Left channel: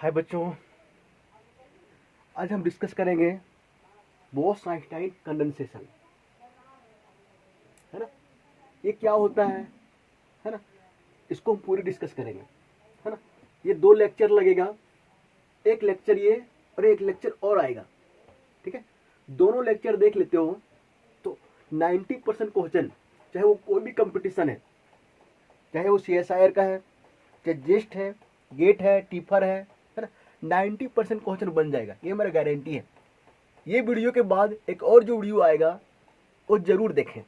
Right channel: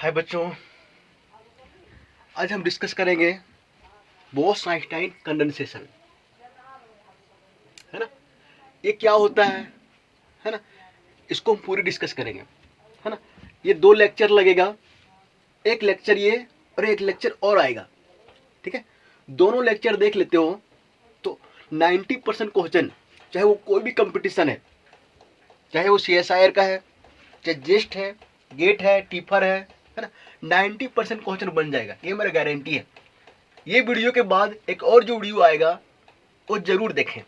हाय बच्चों, आज हम डिस्कस करेंगे बोस-आइंस्टाइन कंडेंसेशन। है ना, ये क्या होता है ना, इसको हम पूरी डिस्कस करेंगे। है ना, ये 2 लेक्चर लगेगा, एक लेक्चर ये और एक लेक्चर और आएगा। ठीक है, दोनों लेक्चर देख लेते हो तो 90% क्वेश्चन, चाहे वो कोई भी कंपटीशन है, चाहे वो CSIR का है, चाहे जेस्ट है, गेट है, टीफर है ना, 90% क्वेश्चन बन जाएगा, ये मेरा गारंटी है। ये वीडियो के बाद एक और जो वीडियो आएगा वो जरूर देखें।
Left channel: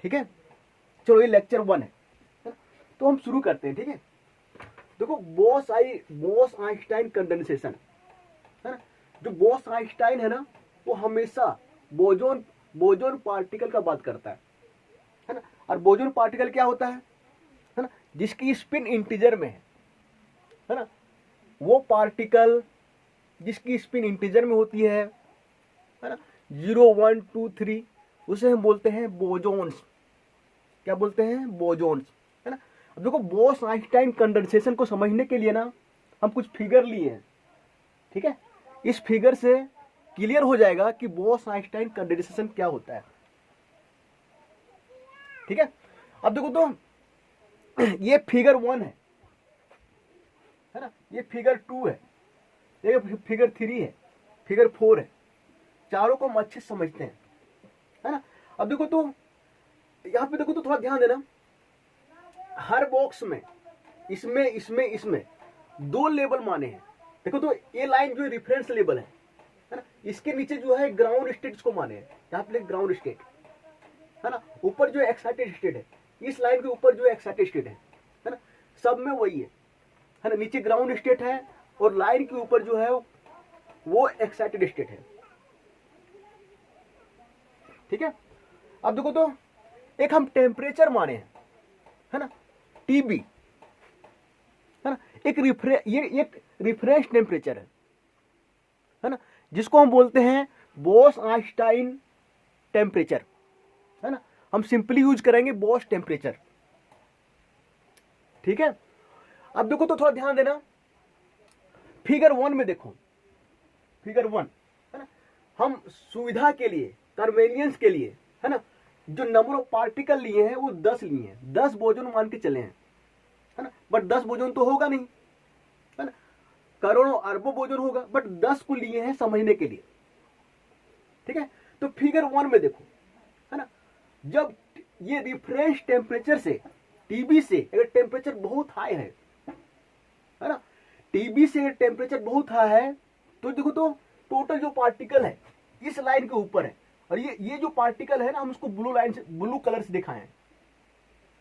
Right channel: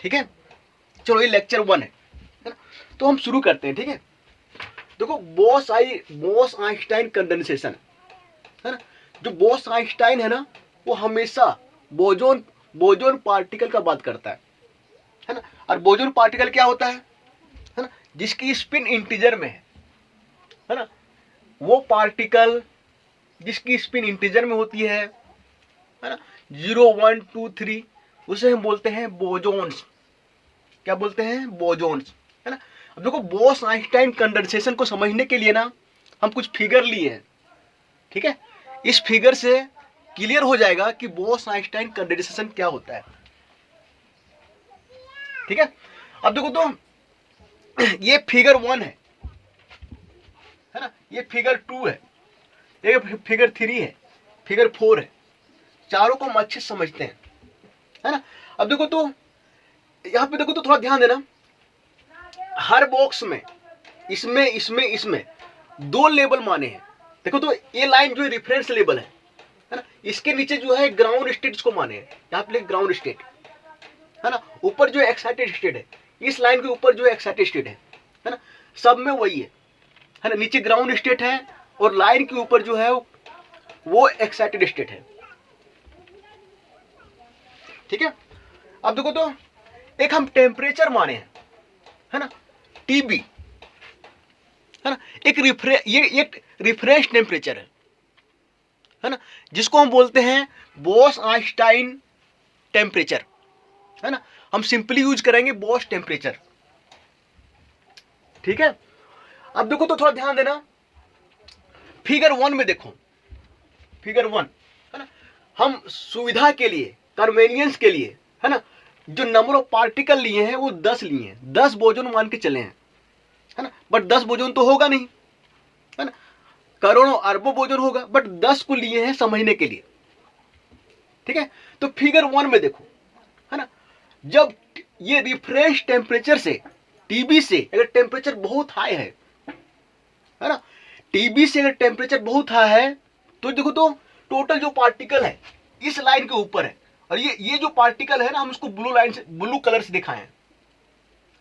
ठीक है, चलो ये लेक्चर 1 है ना, तो हम शुरू करते हैं। ठीक है, देखो बोस-आइंस्टाइन कंडेंसेशन है ना, जो बोस-आइंस्टाइन है ना, वो हमेशा बोजोन बोजोन पार्टिकल का बात करता है ना। और बोजोन पार्टिकल क्या होता है ना, जिसकी स्पिन इंटीजर में है ना, वो पार्टिकल जिसकी स्पिन इंटीजर में होती है ना, 0 1 2 3, उसे हम बोलते हैं बोजोन्स। क्या बोलते हैं? बोजोन्स। है ना, अब देखो बोस-आइंस्टाइन कंडेंसेशन को समझने के लिए ना हम कुछ फिगर लिए हैं। ठीक है, इस फिगर से क्लियर हो जाएगा कि बोस-आइंस्टाइन कंडेंसेशन क्या होता है। ठीक है, अब देखो तो ये फिगर 1 है ना, ये फिगर 2 है, ये फिगर 3 है, फिगर 4 है। चारों को हम अच्छे से समझते हैं। है ना, अब देखो तो यहाँ पे देखो तो थोड़ा ध्यान देना, हर बॉक्स में इसमें इसमें इसमें 2 लेबल माने हैं। देखो तो ये लाइन जो है रेफरेंस लेबल है ना, इसके नीचे जो है ग्राउंड स्टेट को माने हैं, यहाँ पे ग्राउंड स्टेट है ना, ऊपर जो एक्साइटेड स्टेट है, इस लाइन के ऊपर जो एक्साइटेड स्टेट है ना, सब में वही है ना, नीचे ग्राउंड स्टेट है और लाइन के ऊपर जो है वो एक्साइटेड स्टेट है। ठीक है, अब देखो तो एक हम टेम्परेचर माने हैं, है ना, TB है ना, एक रिफरेंस टेम्परेचर है ना, जिसको हम बोलते हैं बोस-आइंस्टाइन टेम्परेचर। है ना, हम सिंपली यूज करेंगे बोस टेम्परेचर। ठीक है, अब देखो तो थोड़ा ध्यान देना, फिगर 1 में देखो, फिगर 1 है ना, हम सुविधा के लिए, कन्वीनियंस के लिए है ना, जो नंबर ऑफ पार्टिकल लिए हैं वो 10 लिए हैं, 10 बोजोन मान के चले हैं। है ना, बट 10 बोजोन तो होगा नहीं, है ना, करोड़ों अरबों बोजोन होगा, बट 10 को लिए हैं समझने के लिए। ठीक है, तो फिगर 1 में देखो, है ना, जब ये रिफरेंस टेम्परेचर से, TB से अगर टेम्परेचर बहुत हाई है ना, TB से अगर टेम्परेचर बहुत हाई है तो देखो तो टोटल जो पार्टिकल है इस लाइन के ऊपर है, और ये जो पार्टिकल है ना, हम उसको ब्लू लाइन से, ब्लू कलर से दिखाए हैं।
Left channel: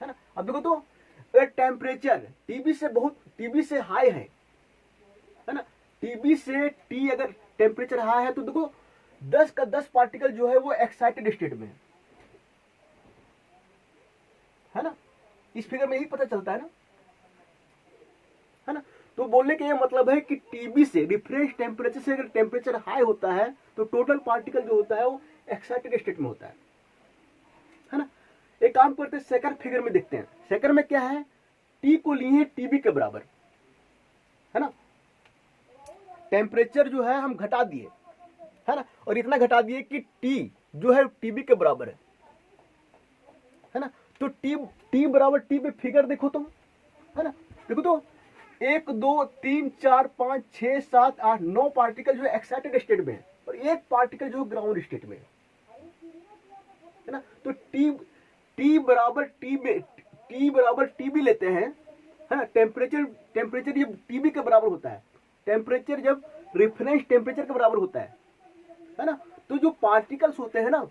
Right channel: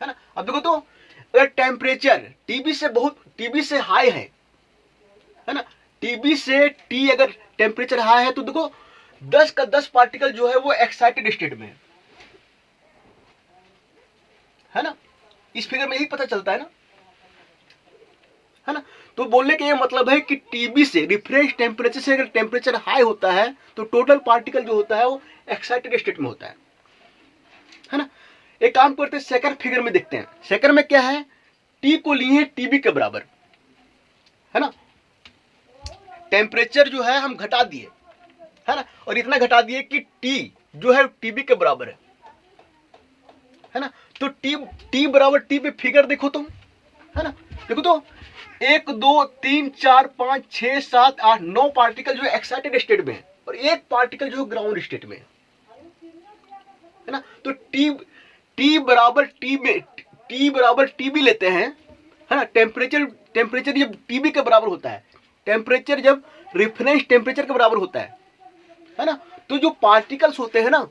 है ना, अब देखो तो अगर टेम्परेचर TB से हाई है ना, TB से T अगर टेम्परेचर हाई है तो देखो 10 का 10 पार्टिकल जो है वो एक्साइटेड स्टेट में है ना, इस फिगर में यही पता चलता है ना, तो बोलने का ये मतलब है कि TB से, रिफरेंस टेम्परेचर से अगर टेम्परेचर हाई होता है तो टोटल पार्टिकल जो होता है वो एक्साइटेड स्टेट में होता है ना। एक काम करते हैं, सेकंड फिगर में देखते हैं। सेकंड में क्या है, T को लिए हैं TB के बराबर, है ना, टेम्परेचर जो है हम घटा दिए, है ना, और इतना घटा दिए कि T जो है TB के बराबर है ना, तो T बराबर T पे फिगर देखो तुम, है ना, देखो तो 1 2 3 4 5 6 7 8 9 पार्टिकल जो एक्साइटेड स्टेट में है और एक पार्टिकल जो ग्राउंड स्टेट में है ना, तो T बराबर TB लेते हैं, है ना, टेम्परेचर जब TB के बराबर होता है, टेम्परेचर जब रेफरेंस टेम्परेचर के बराबर होता है ना, तो जो पार्टिकल्स होते हैं ना,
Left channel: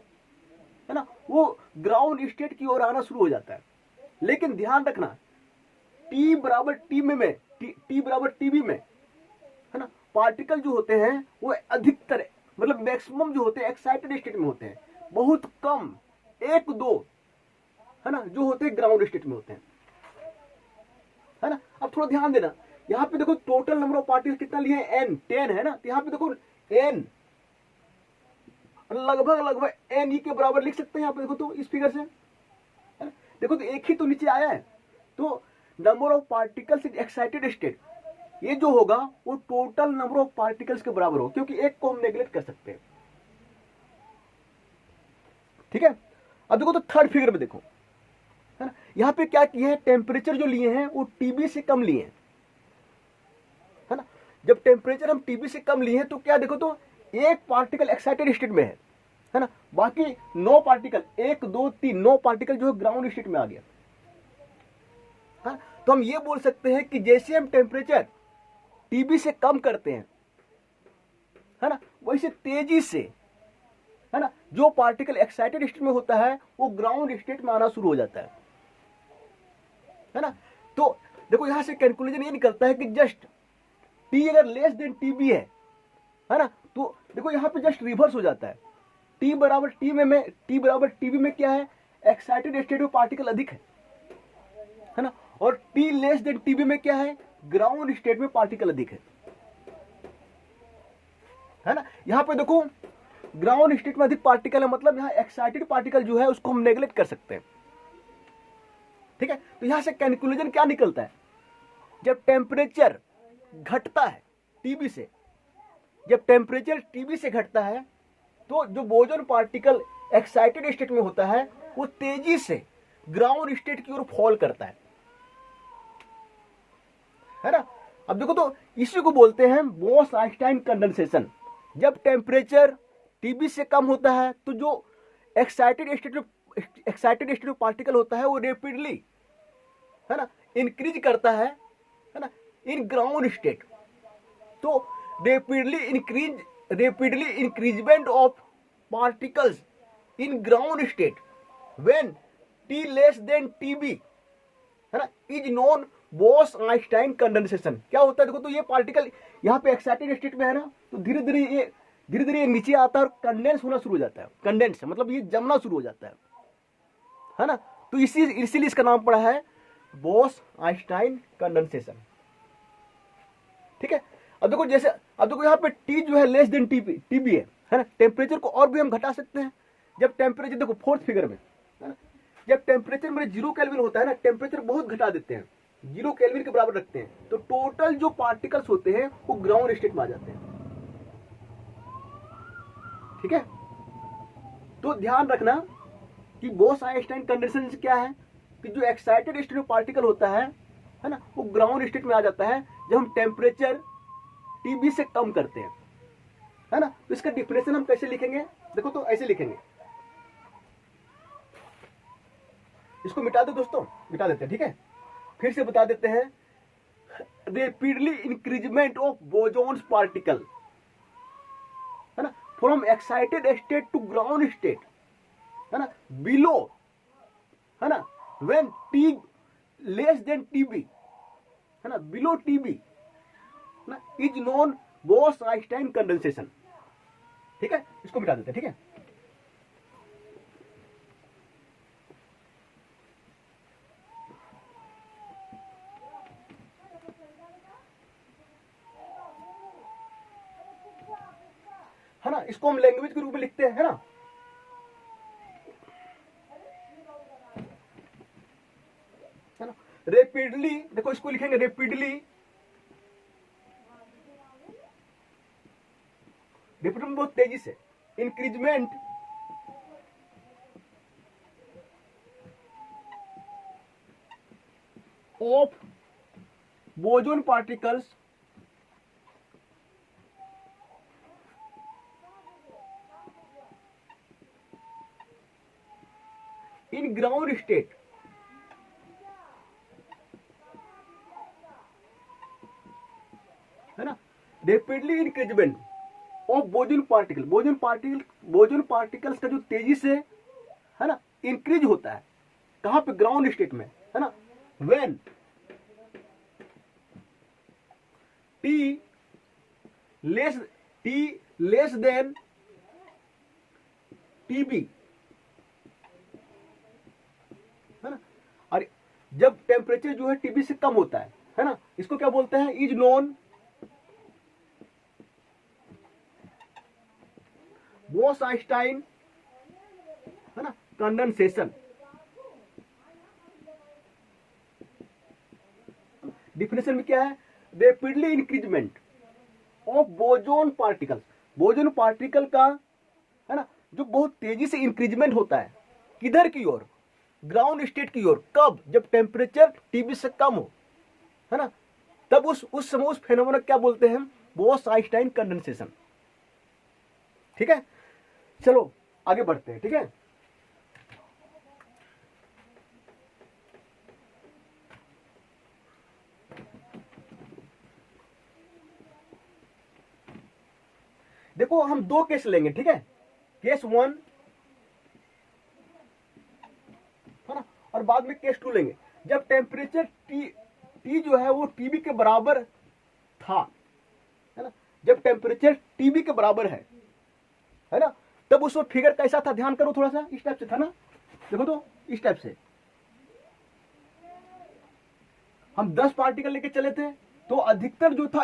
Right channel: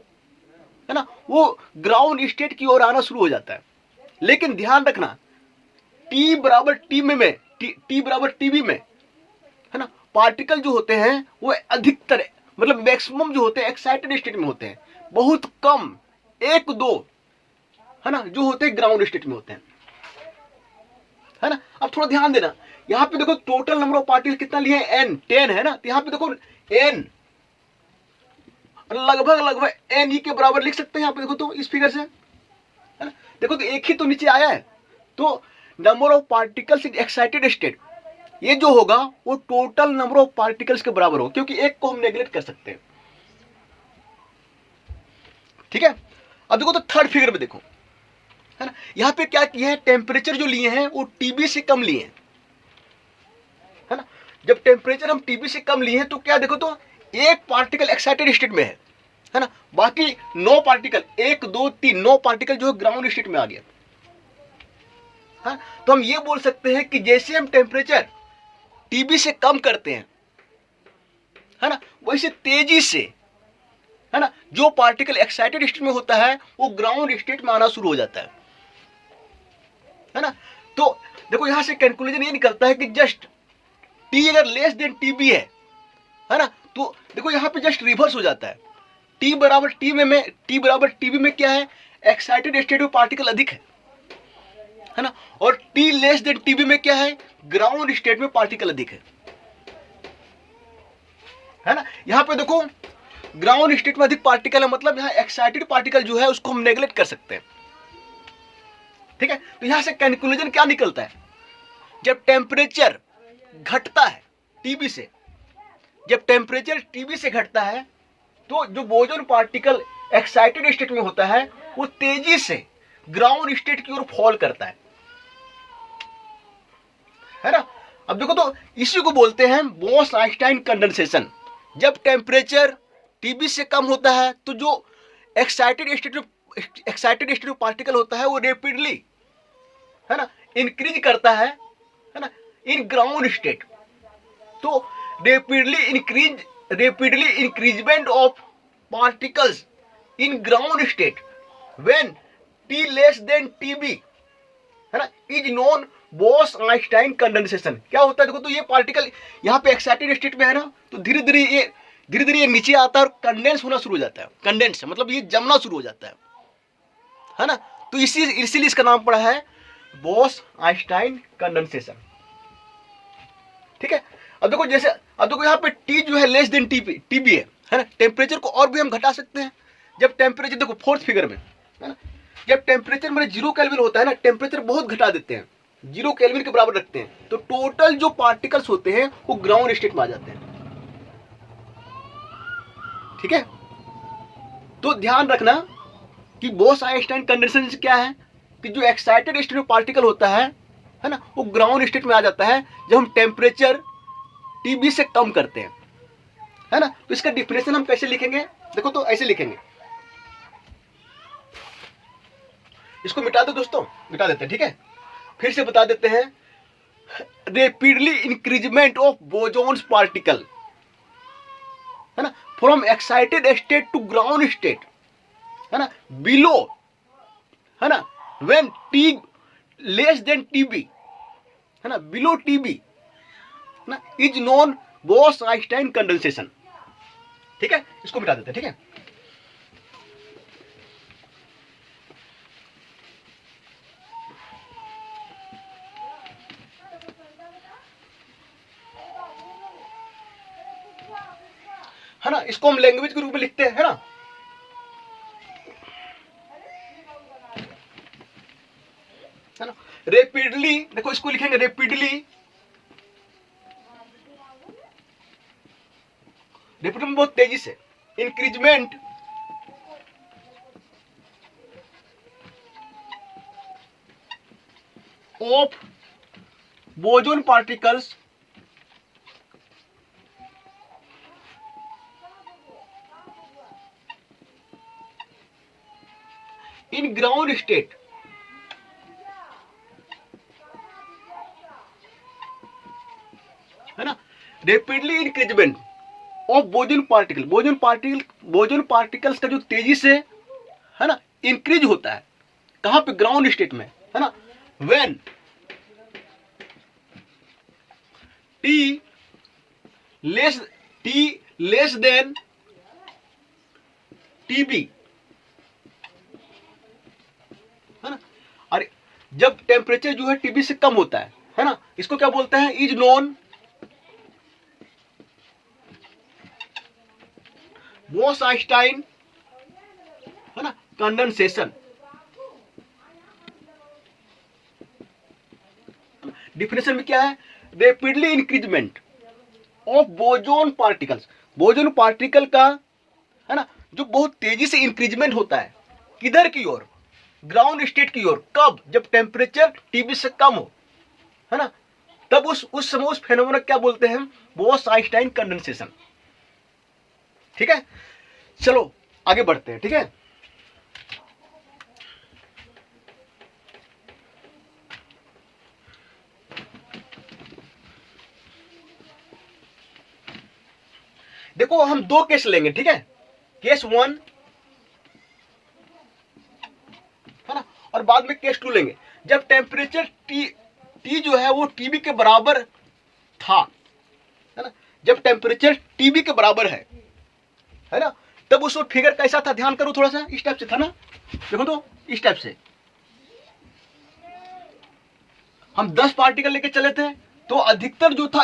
है ना, वो ग्राउंड स्टेट की ओर आना शुरू हो जाता है। लेकिन ध्यान रखना, T बराबर TB में है ना, पार्टिकल जो होते हैं वो अधिकतर, मतलब मैक्सिमम जो होते हैं एक्साइटेड स्टेट में होते हैं, बहुत कम 1 2 है ना जो होते हैं ग्राउंड स्टेट में होते हैं। है ना, अब थोड़ा ध्यान देना, यहाँ पे देखो टोटल नंबर ऑफ पार्टिकल कितना लिए हैं, N 10 है ना, तो यहाँ पे देखो N लगभग NE के बराबर लिख सकते हैं। यहाँ पे देखो तो इस फिगर से, है ना, देखो तो एक ही तो नीचे आया है, तो number of particles in excited state ये जो होगा वो टोटल नंबर ऑफ पार्टिकल्स के बराबर हो, क्योंकि एक को हम नेग्लेक्ट कर सकते हैं। ठीक है, अब देखो तो थर्ड फिगर में देखो, है ना, यहां पे क्या किए हैं, टेम्परेचर जो लिए हैं वो टीबी से कम लिए हैं, है ना। जब टेम्परेचर हम टीबी से कम लिए हैं तो क्या देखो तो एक पार्टिकल एक्साइटेड स्टेट में है ना, बाकी 9 पार्टिकल, 1 2 3 9 पार्टिकल जो है ग्राउंड स्टेट में आ गया। हाँ, तो हम ये बोल सकते हैं कि जैसे हम टेम्परेचर टीबी से कम करते हैं, है ना, वैसे तेजी से, है ना, जो पार्टिकल एक्साइटेड स्टेट में होता है वो ग्राउंड स्टेट में आना शुरू हो जाता है ना। तो देखो यहां से कैलकुलेशन ये निकलता है कि जस्ट टी अगर लेस देन टीबी है ना, तो देखो यहां पे जस्ट रिवर्स हो जाता है। टी बराबर टी बराबर टीबी में क्या है, एक्साइटेड स्टेट में पार्टिकल अधिक है ना, और टी लेस देन टीबी में क्या है, ग्राउंड स्टेट में पार्टिकल अधिक है ना। यहां पे देखो ग्राउंड स्टेट में अधिक पार्टिकल है, मतलब यहां एक्साइटेड पार्टिकल जो है उसको हम नेग्लेक्ट कर सकते हैं। ठीक है, तो यहां से कंक्लूजन क्या निकलता है, जब टेम्परेचर घटता है टीबी से, जब टेम्परेचर टीबी से घटता है तो जो बोजोन पार्टिकल एक्साइटेड स्टेट में होता है वो तेजी से ग्राउंड स्टेट की ओर फॉल करता है ना। अब देखो तो इसी को बोलते हैं बोस आइंस्टाइन कंडेंसेशन। जब टेम्परेचर टीबी से कम होता है तो जो एक्साइटेड स्टेट में पार्टिकल होता है वो रेपिडली, है ना, इंक्रीज करता है ना, इन ग्राउंड स्टेट। तो rapidly increment of particles in ground state when T less than TB, है ना, is known Bose Einstein condensation. क्या होता है देखो तो ये पार्टिकल यहाँ पे एक्साइटेड स्टेट में है ना, तो धीरे धीरे ये नीचे आता है और कंडेंस होना शुरू हो जाता है। कंडेंस मतलब ये जमना शुरू हो जाता है ना। तो इसीलिए इसका नाम पड़ा है बोस आइंस्टाइन कंडेंसेशन। ठीक है, अब देखो यहाँ पे टी जो है लेस देन टीबी है ना, टेम्परेचर को और भी हम घटा सकते हैं। जब टेम्परेचर देखो फोर्थ फिगर में, है ना, जब टेम्परेचर मेरे 0 केल्विन होता है ना, टेम्परेचर बहुत घटा देते हैं, 0 केल्विन के बराबर रखते हैं, तो टोटल जो पार्टिकल्स होते हैं वो ग्राउंड स्टेट में आ जाते हैं। ठीक है, तो ध्यान रखना कि बोस आइंस्टाइन कंडीशन क्या है कि जो एक्साइटेड स्टेट में पार्टिकल होता है ना, वो ग्राउंड स्टेट में आ जाता है जब हम टेम्परेचर टीबी से कम करते हैं, है ना। तो इसका डिफिनेशन हम कैसे लिखेंगे, देखो तो ऐसे लिखेंगे, इसको मिटा दो दोस्तों, मिटा देते हैं। ठीक है, फिर से बता देते हैं, rapidly increment of bosons particle, है ना, from excited state to ground state, है ना, बिलो, है ना, when T less than TB, है ना, बिलो टीबी ना, is known Bose Einstein condensation. ठीक है, इसको मिटा देते हैं। ठीक है ना, इसको हम लैंग्वेज के रूप में लिखते हैं, है ना। है ना, रेपिडली, देखो इसको लिखेंगे रेपिडली बहुत तेजी से, increment of boson particles in ground state, है ना, rapidly increment of boson particles का जो तेजी से, है ना, इंक्रीज होता है, कहां पे, ग्राउंड स्टेट में, है ना, when T less than TB, है ना। और जब टेम्परेचर जो है टीबी से कम होता है ना, इसको क्या बोलते हैं, इज नोन बोस आइंस्टाइन, है ना, कंडेंसेशन। डिफिनेशन में क्या है, rapidly increment of boson particles, boson particle का, है ना, जो बहुत तेजी से इंक्रीजमेंट होता है, किधर की ओर, ग्राउंड स्टेट की ओर। कब? जब टेम्परेचर टीबी से कम हो, है ना, तब उस समय उस फेनोमेना क्या बोलते हैं, बोस-आइंस्टाइन कंडेंसेशन। ठीक है, चलो आगे बढ़ते हैं। ठीक है, देखो हम दो केस लेंगे। ठीक है, केस 1, है ना, और बाद में केस 2 लेंगे। जब टेम्परेचर टी जो है वो टीबी के बराबर था, है ना, जब टेम्परेचर टीबी के बराबर है ना, तब उस वक्त फिगर कैसा था, ध्यान करो थोड़ा सा, इस टाइप से था ना। देखो तो इस टाइप से हम 10 पार्टिकल लेके चले थे, तो अधिकतर जो था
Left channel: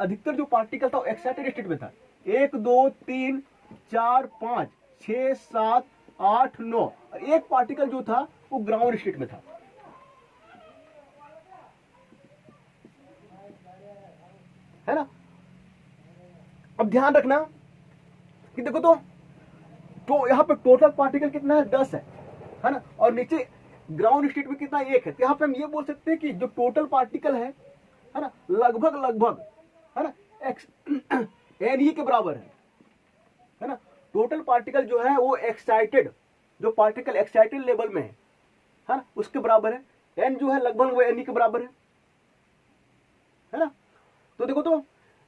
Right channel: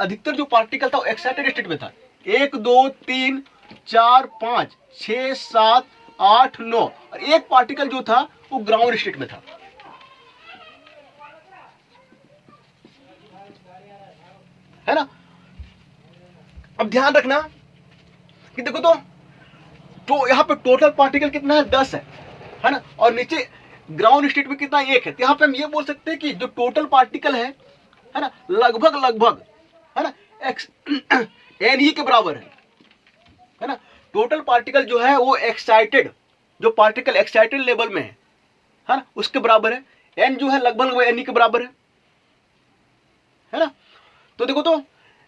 अधिकतर जो पार्टिकल था वो एक्साइटेड स्टेट में था। 1 2 3 4 5 6 7 8 9, और एक पार्टिकल जो था वो ग्राउंड स्टेट में था। है ना, अब ध्यान रखना कि देखो तो यहाँ पे टोटल पार्टिकल कितना है, 10 है ना, और नीचे ग्राउंड स्टेट में कितना, 1 है। तो यहाँ पे हम ये बोल सकते हैं कि जो टोटल पार्टिकल है ना, लगभग है ना एक्स एन ई के बराबर है ना। टोटल पार्टिकल जो है वो एक्साइटेड, जो पार्टिकल एक्साइटेड लेवल में है ना, उसके बराबर है। एन जो है लगभग एन ई के बराबर है ना। तो देखो तो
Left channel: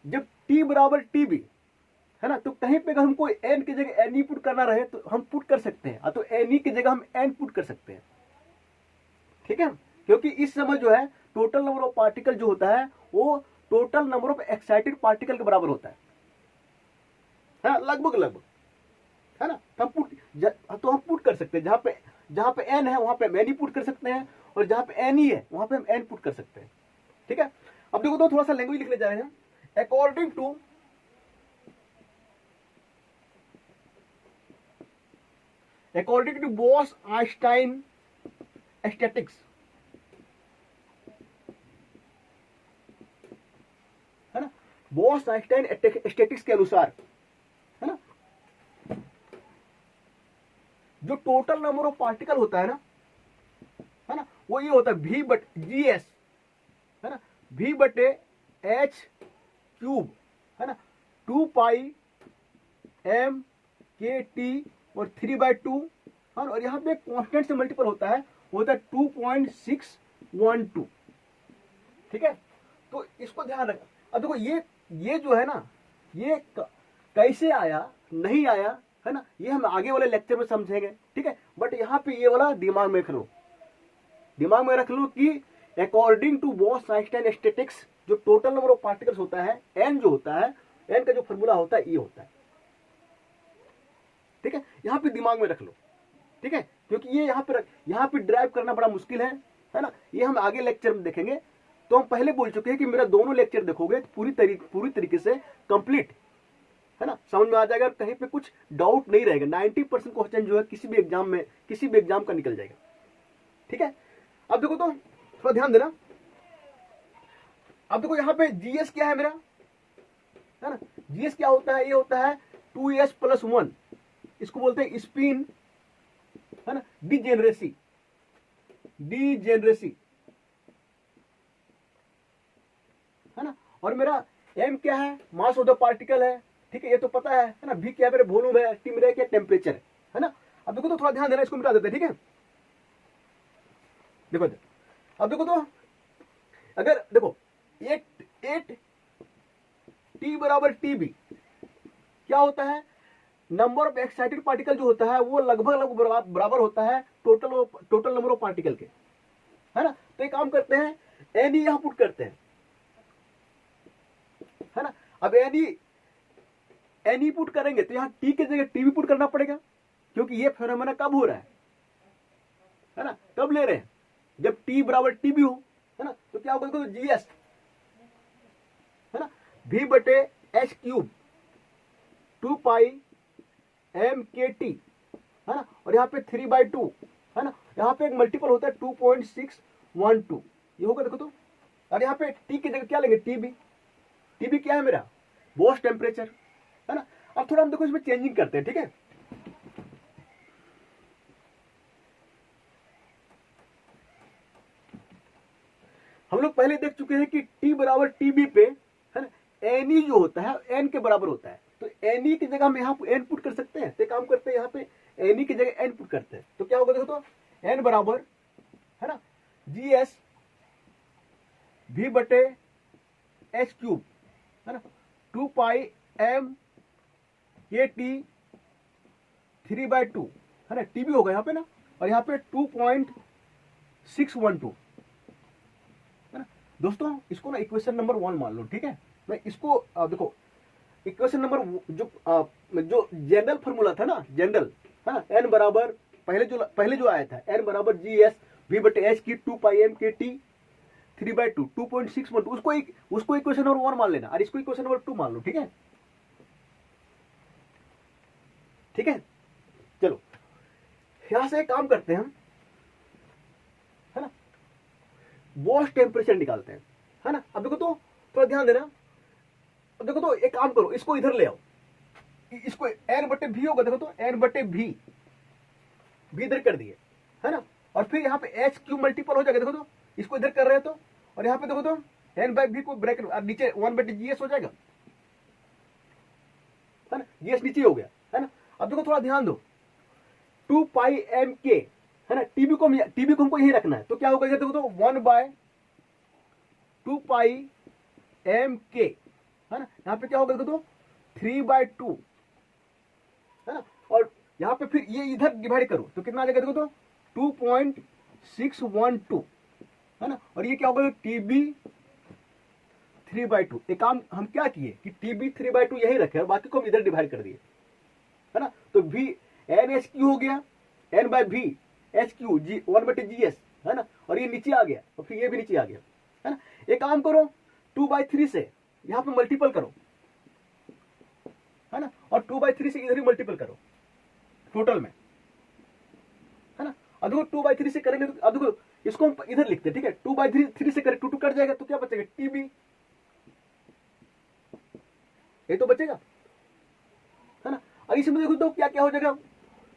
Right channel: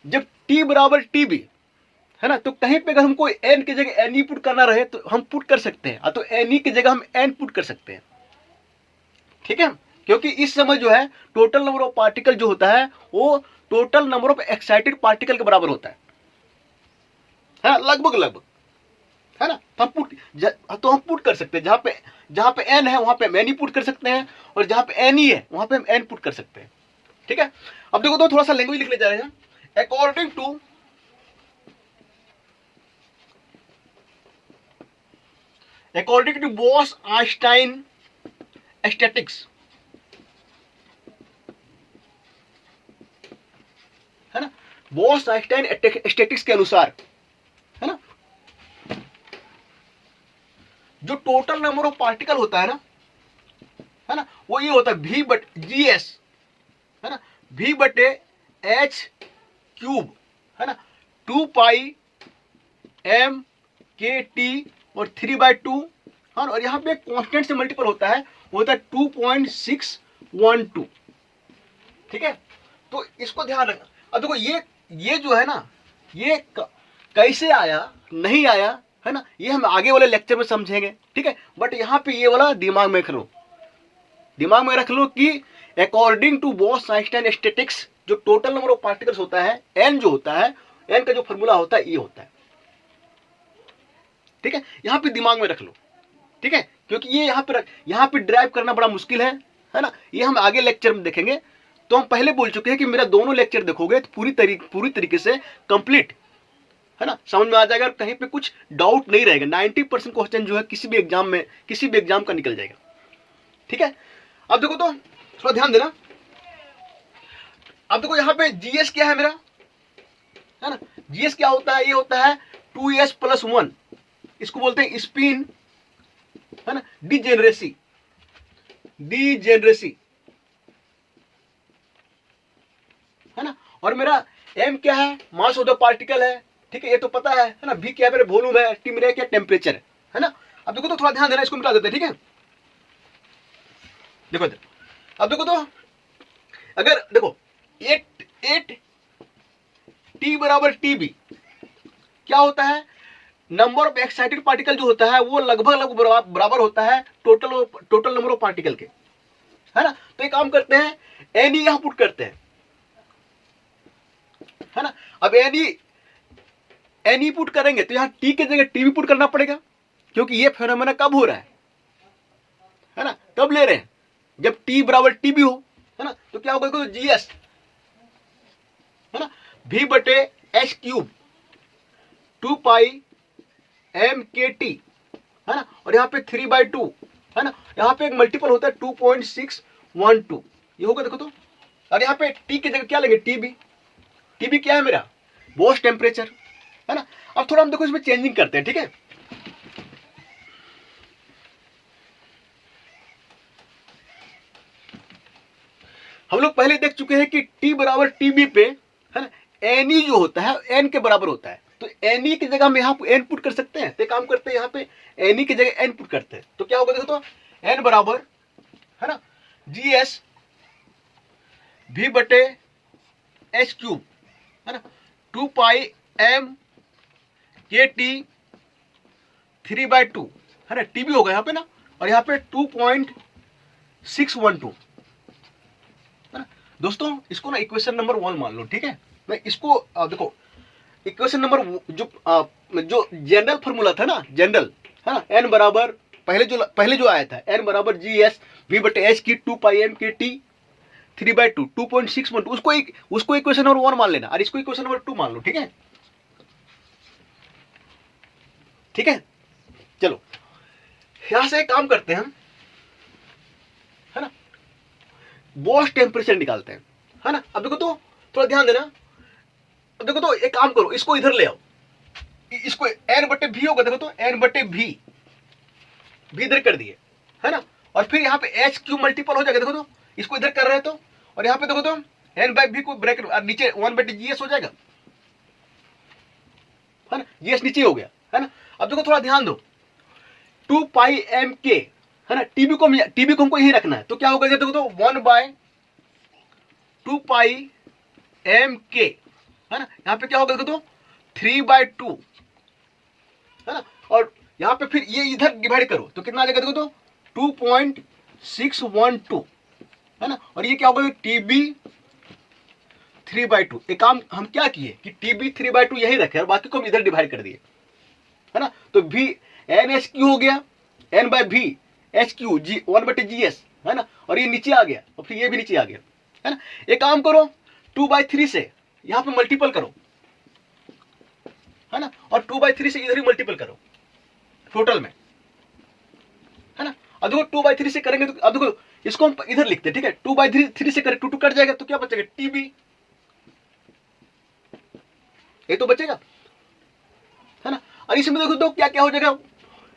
जब टी बराबर टी बी, है ना, तो कहीं पे अगर हमको एन की जगह एन ई पुट करना रहे तो हम पुट कर सकते हैं, तो एन ई की जगह हम एन पुट कर सकते हैं। ठीक है, क्योंकि इस समय जो है टोटल नंबर ऑफ पार्टिकल जो होता है वो total number of excited particle के बराबर होता है ना, लगभग, है ना। तो हम पुट कर सकते हैं, जहां पे एन है वहां पे हम एन ई पुट कर सकते हैं, और जहां पे एन ई है वहां पे हम एन पुट कर सकते हैं। ठीक है, अब देखो तो थोड़ा सा लैंग्वेज लिखने जा रहे हैं। अकॉर्डिंग टू बोस-आइंस्टाइन स्टैटिक्स, है ना, बोस-आइंस्टाइन स्टैटिक्स के अनुसार, है ना, जो टोटल नंबर ऑफ पार्टिकल होता है ना, वो ये होता है v बट जी एस, है ना, v बटे एच क्यूब, है ना, 2 पाई एम के टी और 3/2, और यहाँ पे कांस्टेंट से मल्टीपल होता है, वो होता है 2.612। ठीक है, तो इसको ध्यान रखना। अब देखो ये जो है ना, ये कैसे आया नहीं आया, है ना, ये हम आगे वाले लेक्चर में समझेंगे। ठीक है, बट यहाँ पे ये वाला दिमाग में रख लो कि अकॉर्डिंग टू बोस-आइंस्टाइन स्टैटिक्स, जो टोटल नंबर ऑफ पार्टिकल्स होता है, एन जो होता है, एन का जो फॉर्मूला होता है ये होता है। ठीक है, यहाँ पे दिमाग में रख लो। ठीक है, क्योंकि ये यहाँ पे ड्राइव करना बड़ा मुश्किल है ना, ये हम आगे लेक्चर में देखेंगे। तो हम पहले बोल चुके हैं कि मेरा दोनों लेक्चर देखोगे तो पूरी तरीके से कंप्लीट, है ना, समझ में आ जाएगा, कहीं पे कुछ डाउट नहीं रहेगा। 90% क्वेश्चन जो है किसी भी एग्जाम का निकल जाएगा। ठीक है, अब देखो तो थोड़ा ध्यान देना। अब देखो यहाँ पे जीएस क्या है मेरा, है ना, जीएस क्या होता है, ये होता है 2s + 1, इसको बोलते हैं स्पिन, है ना, डिजेनरेसी, है ना, और मेरा एम क्या है, मास ऑफ द पार्टिकल है। ठीक है, ये तो पता है ना, भी क्या है मेरे वॉल्यूम है, टी मेरा क्या टेम्परेचर है ना। अब देखो तो थोड़ा ध्यान देना, इसको मिटा देते हैं। ठीक है, देखो इधर, अब देखो तो अगर देखो 8 टी बराबर टी बी क्या होता है, नंबर ऑफ एक्साइटेड पार्टिकल जो होता है वो लगभग बराबर होता है टोटल नंबर ऑफ पार्टिकल के, है ना। तो एक काम करते हैं, एन ई यहां पुट करते हैं, है ना। अब एन ई पुट करेंगे तो यहां टी की जगह टी भी पुट करना पड़ेगा, क्योंकि ये फेनोमेना कब हो रहा है ना, कब ले रहे हैं, जब टी बराबर टी भी हो, है ना। तो क्या होगा, जीएस, है ना, v बटे एच क्यूब 2 पाई एम के टी, है ना, और यहाँ पे 3/2, है ना, यहाँ पे एक मल्टीपल होता है 2.612, ये होगा देखो तो और यहाँ पे टी की जगह क्या लेंगे, टीबी। टीबी क्या है मेरा, बोस टेम्परेचर, है ना। अब थोड़ा हम देखो इसमें चेंजिंग करते हैं, ठीक है। हम लोग पहले देख चुके हैं कि टी बराबर टीबी पे, है ना, एन ई जो होता है एन के बराबर होता है। तो एन ई की जगह हम यहाँ एन पुट कर सकते हैं, तो काम करते हैं यहाँ पे एन ई की जगह एन पुट करते हैं। तो क्या होगा देखो, तो एन बराबर, है ना, जी एस भी बटे एच क्यूब, है ना, 2 पाई एम के टी 3/2, है ना, टीबी होगा यहाँ पे ना, और यहाँ पे 2.612, है ना। दोस्तों इसको ना इक्वेशन नंबर 1 मान लो, ठीक है। मैं इसको देखो इक्वेशन नंबर जो जनरल फॉर्मूला था ना, जनरल, है ना, एन बराबर पहले जो आया था, एन बराबर जी एस वी बटे एच की 2 पाई एम के टी 3/2 2.612, उसको इक्वेशन नंबर 1 मान लेना, और इसको इक्वेशन नंबर 2 मान लो, ठीक है। ठीक है, चलो यहां से एक काम करते हैं हम, है ना, बोस टेम्परेचर निकालते हैं, है ना। अब देखो तो थोड़ा ध्यान देना, अब देखो तो एक काम करो, इसको इधर ले आओ, इसको एन बटे भी होगा, देखो तो एन बटे भी इधर कर दिए, है ना, और फिर यहाँ पे एच क्यू मल्टीपल हो जाएगा, देखो तो इसको इधर कर रहे हैं तो, और यहाँ पे देखो तो एन बाई भी को ब्रैकेट नीचे 1 बटे जी एस हो जाएगा, है ना, जी एस नीचे हो गया, है ना। अब देखो थोड़ा ध्यान दो, 2 पाई एम के, है ना, टीबी को हमको यही रखना है, तो क्या होगा देखो तो 1/2 पाई एम के, है ना, यहाँ पे क्या होगा देखो तो 3/2, है ना, और यहाँ पे फिर ये इधर डिवाइड करो तो कितना आ जाएगा देखो तो 2.612, है ना, और ये क्या होगा टीबी 3/2। एक काम हम क्या किए कि टीबी 3/2 यही रखे और बाकी को हम इधर डिवाइड कर दिए, है ना। तो भी एन एच क्यू हो गया, एन बाय भी एच क्यू जी 1 बटे जी एस, है ना, और ये नीचे आ गया और फिर ये भी नीचे आ गया, है ना। एक काम करो 2/3 से यहाँ पे मल्टीपल करो, है ना, और 2/3 से इधर ही मल्टीपल करो टोटल में, है ना। अब देखो 2/3 से करेंगे तो अब देखो इसको हम इधर लिखते हैं, ठीक है। 2/3 से करें 2 कट जाएगा तो क्या बचेगा टीबी, ये तो बचेगा, है ना। और इसमें देखो तो क्या क्या हो जाएगा,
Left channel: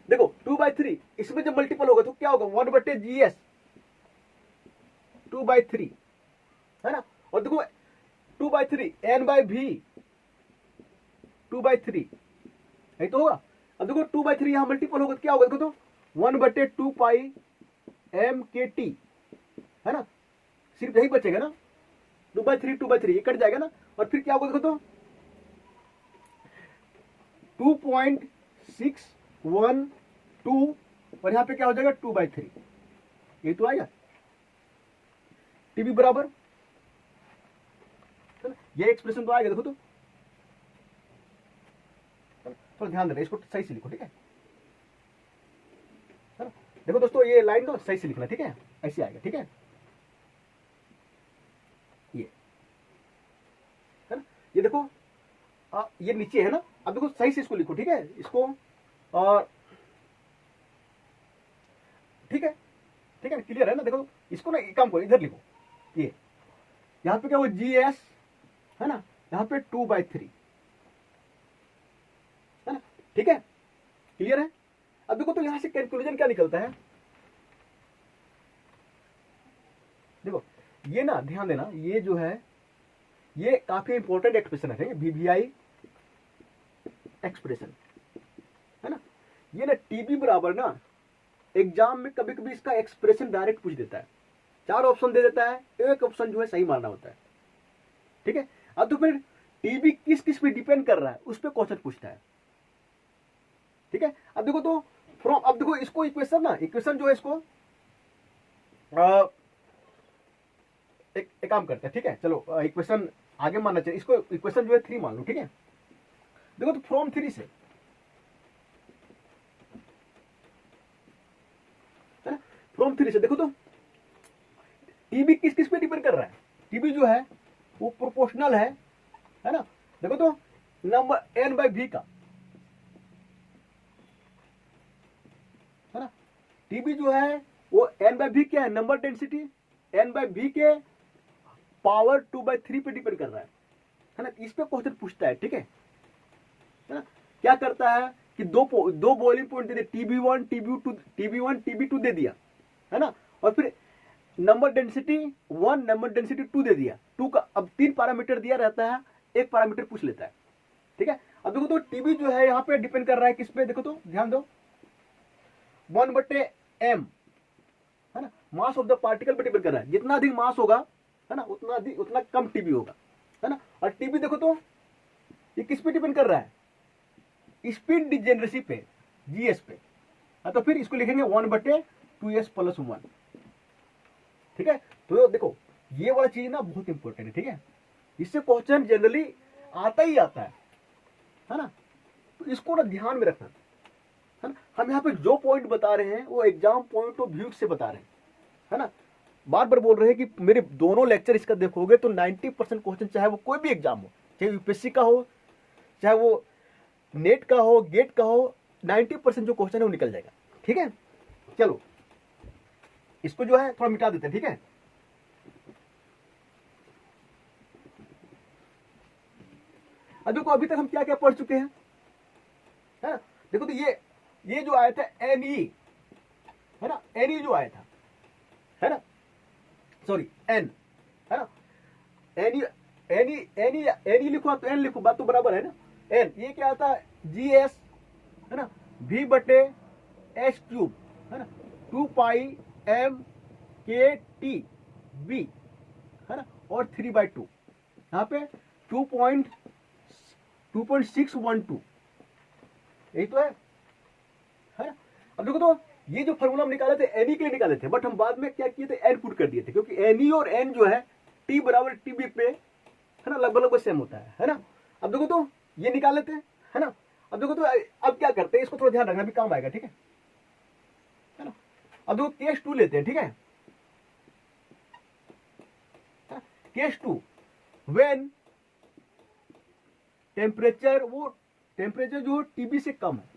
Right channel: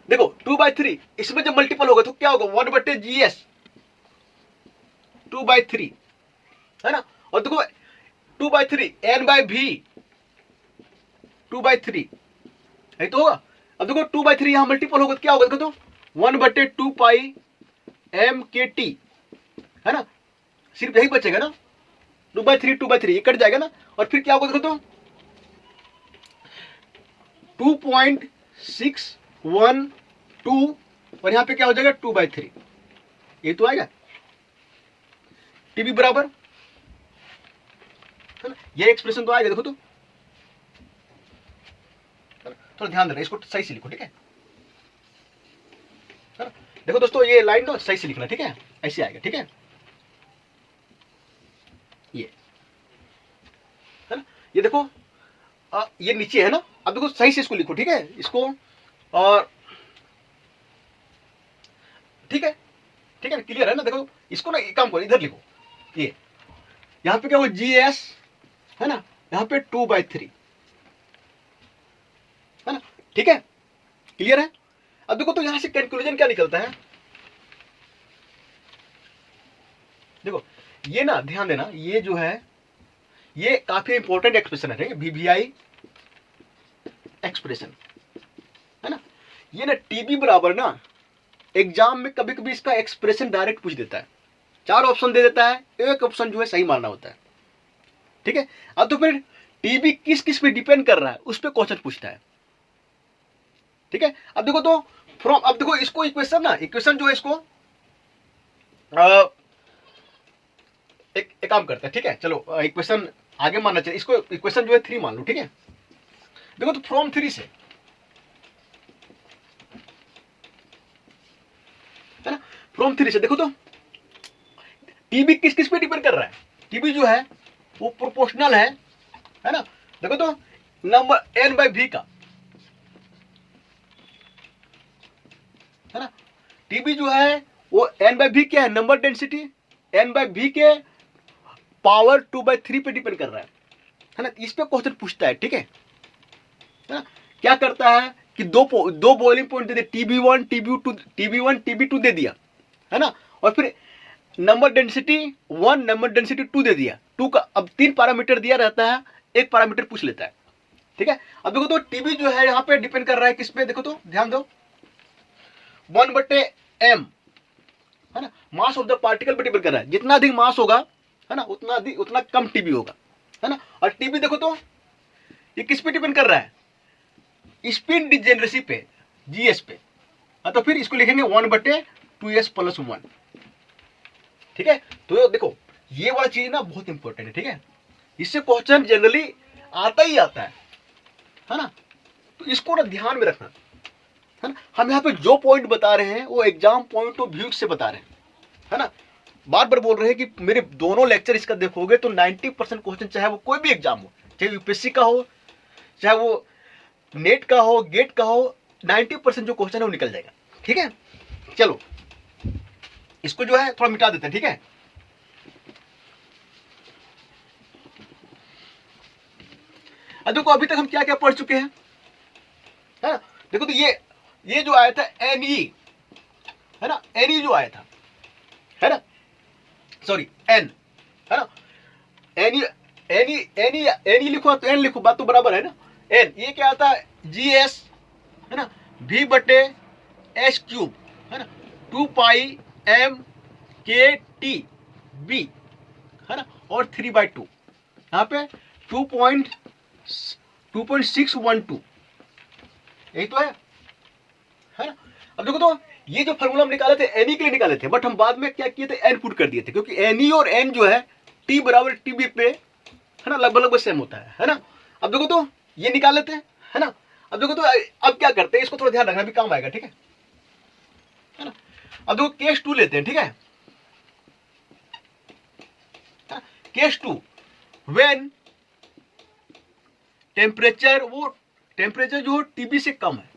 देखो 2/3 इसमें जब मल्टीपल होगा तो क्या होगा 1 बटे जी एस 2/3, है ना, और देखो 2/3 एन बाई भी 2/3 है तो होगा। अब देखो 2/3 यहां मल्टीपल होगा तो क्या होगा देखो तो 1 बटे 2 पाई एम के टी, है ना, सिर्फ यही बचेगा ना, 2/3 ये कट जाएगा ना, और फिर क्या होगा देखो तो 2.612, और यहां पे क्या हो जाएगा 2/3, ये तो आएगा टीबी बराबर, है ना, ये एक्सप्रेशन तो आएगा देखो तो, थोड़ा ध्यान देना, इसको सही से लिखो, ठीक है ना। देखो दोस्तों ये लाइन ना सही से लिखना, ठीक है, ऐसे आएगा, ठीक है, ये, है ना, ये देखो ये नीचे है ना। अब देखो सही से इसको लिखो, ठीक है, इसको, और ठीक है, ठीक है, क्लियर है ना। देखो इसको ना एक काम करो, इधर लिखो, ये यहाँ पे क्या हो जी एस, है ना, यहाँ पे 2/3, है ना, ठीक है, क्लियर है। अब देखो तो यहां से कंक्लूजन क्या निकलता है, देखो ये ना ध्यान देना, ये जो है ये काफी इंपॉर्टेंट एक्सप्रेशन है वीवीआई एक्सप्रेशन, है ना। ये ना टीबी बराबर ना एग्जाम में कभी कभी इसका एक्सप्रेशन डायरेक्ट पूछ देता है, 4 ऑप्शन दे देता है, एक ऑप्शन जो है सही मानना होता है, ठीक है। अब तो फिर टीबी किस किस पे डिपेंड कर रहा है उस पर क्वेश्चन पूछता है, ठीक है। अब देखो तो फ्रॉम, अब देखो इसको इक्वेशन ना, इक्वेशन जो है इसको एक काम करते हैं, ठीक है, चलो इक्वेशन आगे मानना चाहिए, इसको इक्वेशन जो है 3 मान लो, ठीक है। देखो तो फ्रॉम 3 से, है ना, फ्रॉम 3 से देखो तो टीबी किस किस पे डिपेंड कर रहा है, टीबी जो है वो प्रोपोर्शनल है ना। देखो तो नंबर एन बाई भी का, है ना, टीबी जो है वो एन बाई भी क्या है, नंबर डेंसिटी, एन बाई भी के पावर 2/3 पे डिपेंड कर रहा है ना। इस पे क्वेश्चन पूछता है, ठीक है ना। क्या करता है कि दो बॉइलिंग पॉइंट दे दिया, TB1 TB2 दे दिया, है ना। और फिर नंबर डेंसिटी 1 नंबर डेंसिटी 2 दे दिया। 2 का अब 3 पैरामीटर दिया रहता है, एक पैरामीटर पूछ लेता है, ठीक है। अब देखो तो टीबी जो है यहाँ पे डिपेंड कर रहा है किस पे, देखो तो ध्यान दो 1/m, है ना, मास ऑफ द पार्टिकल पे डिपेंड कर रहा है। जितना अधिक मास होगा, है ना, उतना कम टीबी होगा, है ना। और टीबी देखो तो ये किस पे डिपेंड कर रहा है, स्पिन डिजेनरेसी पे, जीएस पे। तो फिर इसको लिखेंगे 1/2s+1, ठीक है। तो देखो ये वाला चीज ना बहुत इंपॉर्टेंट है, ठीक है। इससे क्वेश्चन जनरली आता ही आता है ना। तो इसको ना ध्यान में रखना, है ना। हम यहाँ पे जो पॉइंट बता रहे हैं वो एग्जाम पॉइंट ऑफ व्यू से बता रहे हैं, है ना। बार बार बोल रहे हैं कि मेरे दोनों लेक्चर इसका देखोगे तो 90% क्वेश्चन, चाहे वो कोई भी एग्जाम हो, चाहे यूपीएससी का हो, चाहे वो नेट का हो, गेट का हो, 90% जो क्वेश्चन है वो निकल जाएगा, ठीक है। चलो इसको जो है थोड़ा मिटा देते हैं, ठीक है। अब देखो अभी तक हम क्या क्या पढ़ चुके हैं, है ना। देखो तो ये जो आया था NE, है ना, NE जो आया था, है ना, सॉरी N, है ना। NE लिखो तो N लिखो, बात तो बराबर है ना। N ये क्या आता है, GS, है ना, V/S³, है ना, 2πmkTb, है ना, और 3/2, यहाँ पे 2.612, यही तो है ना। अब देखो तो ये जो फॉर्मूला हम निकाले थे NE के लिए निकाले थे, बट हम बाद में क्या किए थे, N पुट कर दिए थे, क्योंकि NE और N जो है T बराबर TB पे, है ना, लगभग सेम होता है ना। अब देखो तो ये निकाल लेते हैं, है ना। अब देखो तो अब क्या करते हैं, इसको थोड़ा ध्यान रखना, भी काम आएगा, ठीक है ना। अब देखो केस 2 लेते हैं, ठीक है। केस 2 व्हेन टेम्परेचर जो टीबी से कम है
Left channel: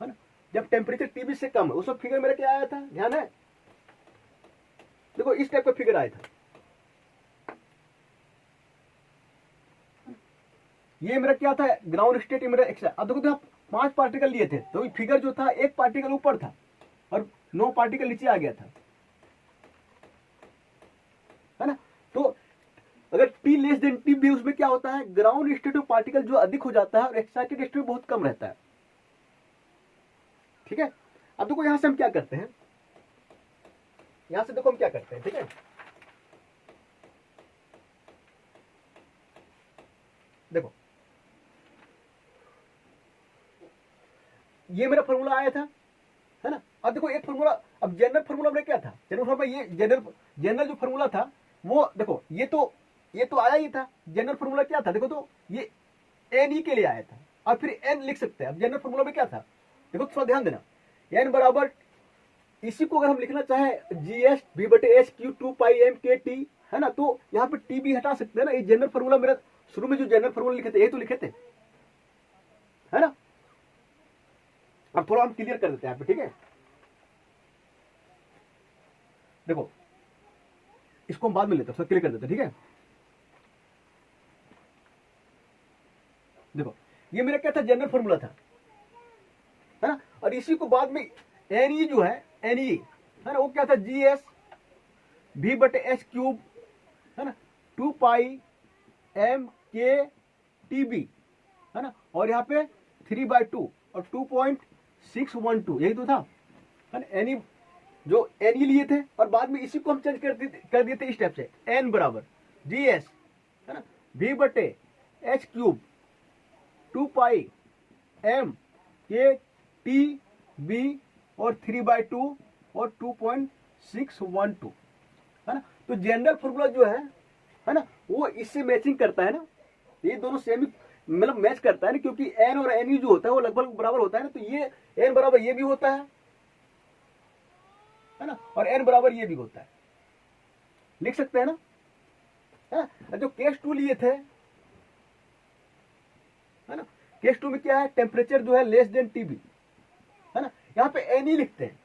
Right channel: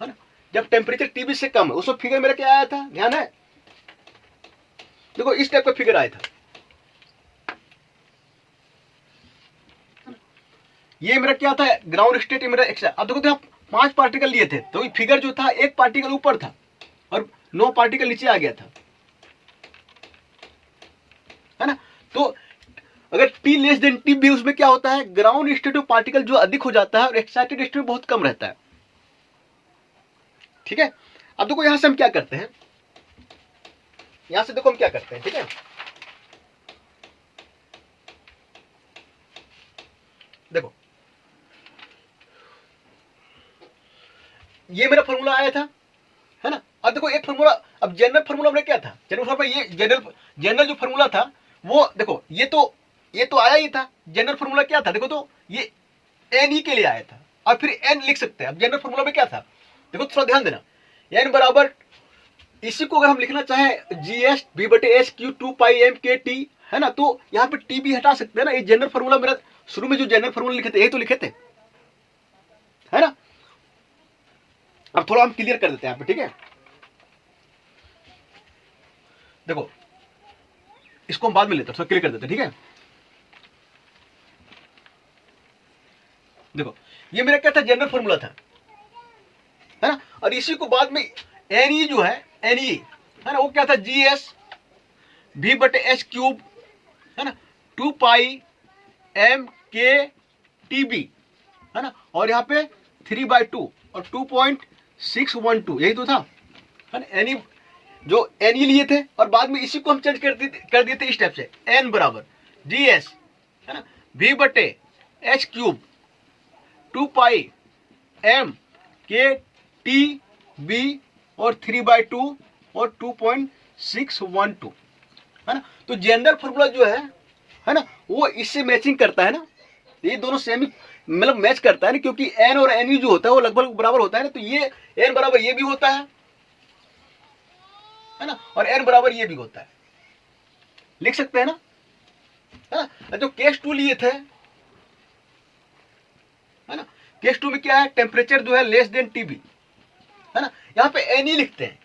ना। जब टेम्परेचर टीबी से कम है, उस फिगर मेरा क्या आया था, ध्यान है। देखो इस टाइप का फिगर आया था, ये मेरा क्या था, ग्राउंड स्टेट, मेरा एक्स। अब देखो तो 5 पार्टिकल लिए थे, तो फिगर जो था 1 पार्टिकल ऊपर था और 9 पार्टिकल नीचे आ गया था, है ना। तो अगर T लेस देन TB, उसमें क्या होता है, ग्राउंड स्टेट ऑफ पार्टिकल जो अधिक हो जाता है और एक्साइटेड स्टेट बहुत कम रहता है, ठीक है। अब देखो यहां से हम क्या करते हैं, यहां से देखो हम क्या करते हैं, ठीक है। देखो ये मेरा फॉर्मूला आया था, है ना। अब देखो एक फॉर्मूला, अब जनरल फॉर्मूला मेरा क्या था, जनरल फॉर्मूला, ये जनरल जो फॉर्मूला था वो देखो, ये तो आया ही था। जनरल फॉर्मूला क्या था, देखो तो ये NE के लिए आया था, और फिर N लिख सकते हैं। अब जनरल फॉर्मूला में क्या था, देखो थोड़ा ध्यान देना, N बराबर, इसी को अगर हम लिखना चाहें GS V/S³ 2πmkT, है ना, तो यहाँ पे T भी हटा सकते हैं ना। ये जनरल फॉर्मूला मेरा शुरू में जो जनरल फॉर्मूला लिखे थे यही तो लिखे थे, है ना। अब थोड़ा हम क्लियर कर देते हैं यहाँ पे, ठीक है। देखो इसको हम बाद में लेते हैं, थोड़ा क्लियर कर देते हैं, ठीक है। देखो ये मेरा क्या था, जनरल फॉर्मूला था, है ना। और इसी को बाद में NE जो है, NE, है ना, वो क्या था, GS V/S³, है ना, 2πmkTb, है ना, और यहाँ पे 3/2 और 2.612, यही तो था, है ना। NE जो NE लिए थे, और बाद में इसी को हम चेंज कर दिए थे इस टाइप से, N बराबर GS, है ना, V/S³ 2πmkTb और 3/2 और 2.612, है ना। तो जनरल फॉर्मूला जो है ना, वो इससे मैचिंग करता है ना। ये दोनों सेम मतलब मैच करता है ना, क्योंकि N और NE जो होता है वो लगभग बराबर होता है ना। तो ये N बराबर ये भी होता है ना, और N बराबर ये भी होता है, लिख सकते हैं ना, है ना। जो केस 2 लिए थे, है ना, केस 2 में क्या है, टेम्परेचर जो है लेस देन TB, है ना। यहाँ पे NE लिखते हैं,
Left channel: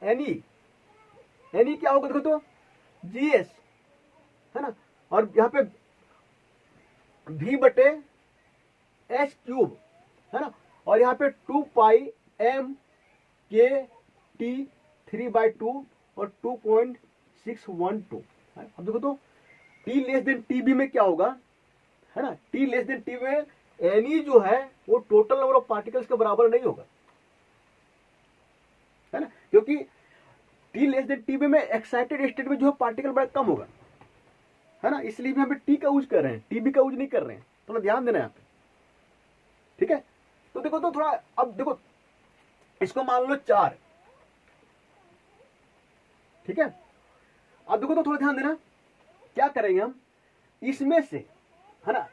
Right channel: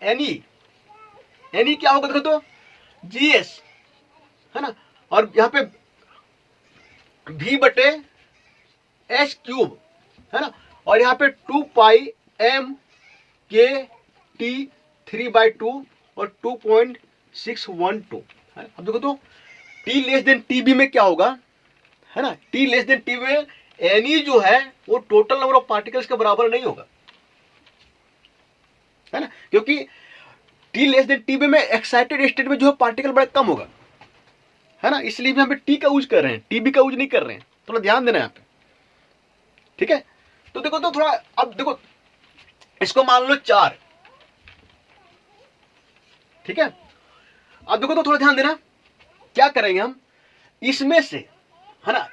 NE क्या होगा, देखो तो GS, है ना, और यहाँ पे v/h³ है ना, और यहाँ पे 2πm/k/t3/2 और 2.612 है। अब देखो तो t< में क्या होगा, है ना, t< में Ne जो है वो टोटल नंबर ऑफ पार्टिकल्स के बराबर नहीं होगा, है ना, क्योंकि t में एक्साइटेड स्टेट में जो है पार्टिकल बड़ा कम होगा, है ना, इसलिए भी हम टी का यूज कर रहे हैं, टीबी का यूज नहीं कर रहे हैं, थोड़ा ध्यान देना यहाँ पे, ठीक है। तो देखो तो थोड़ा, अब देखो इसको मान लो 4, ठीक है। अब देखो तो थोड़ा ध्यान देना, क्या करेंगे हम इसमें से, है ना,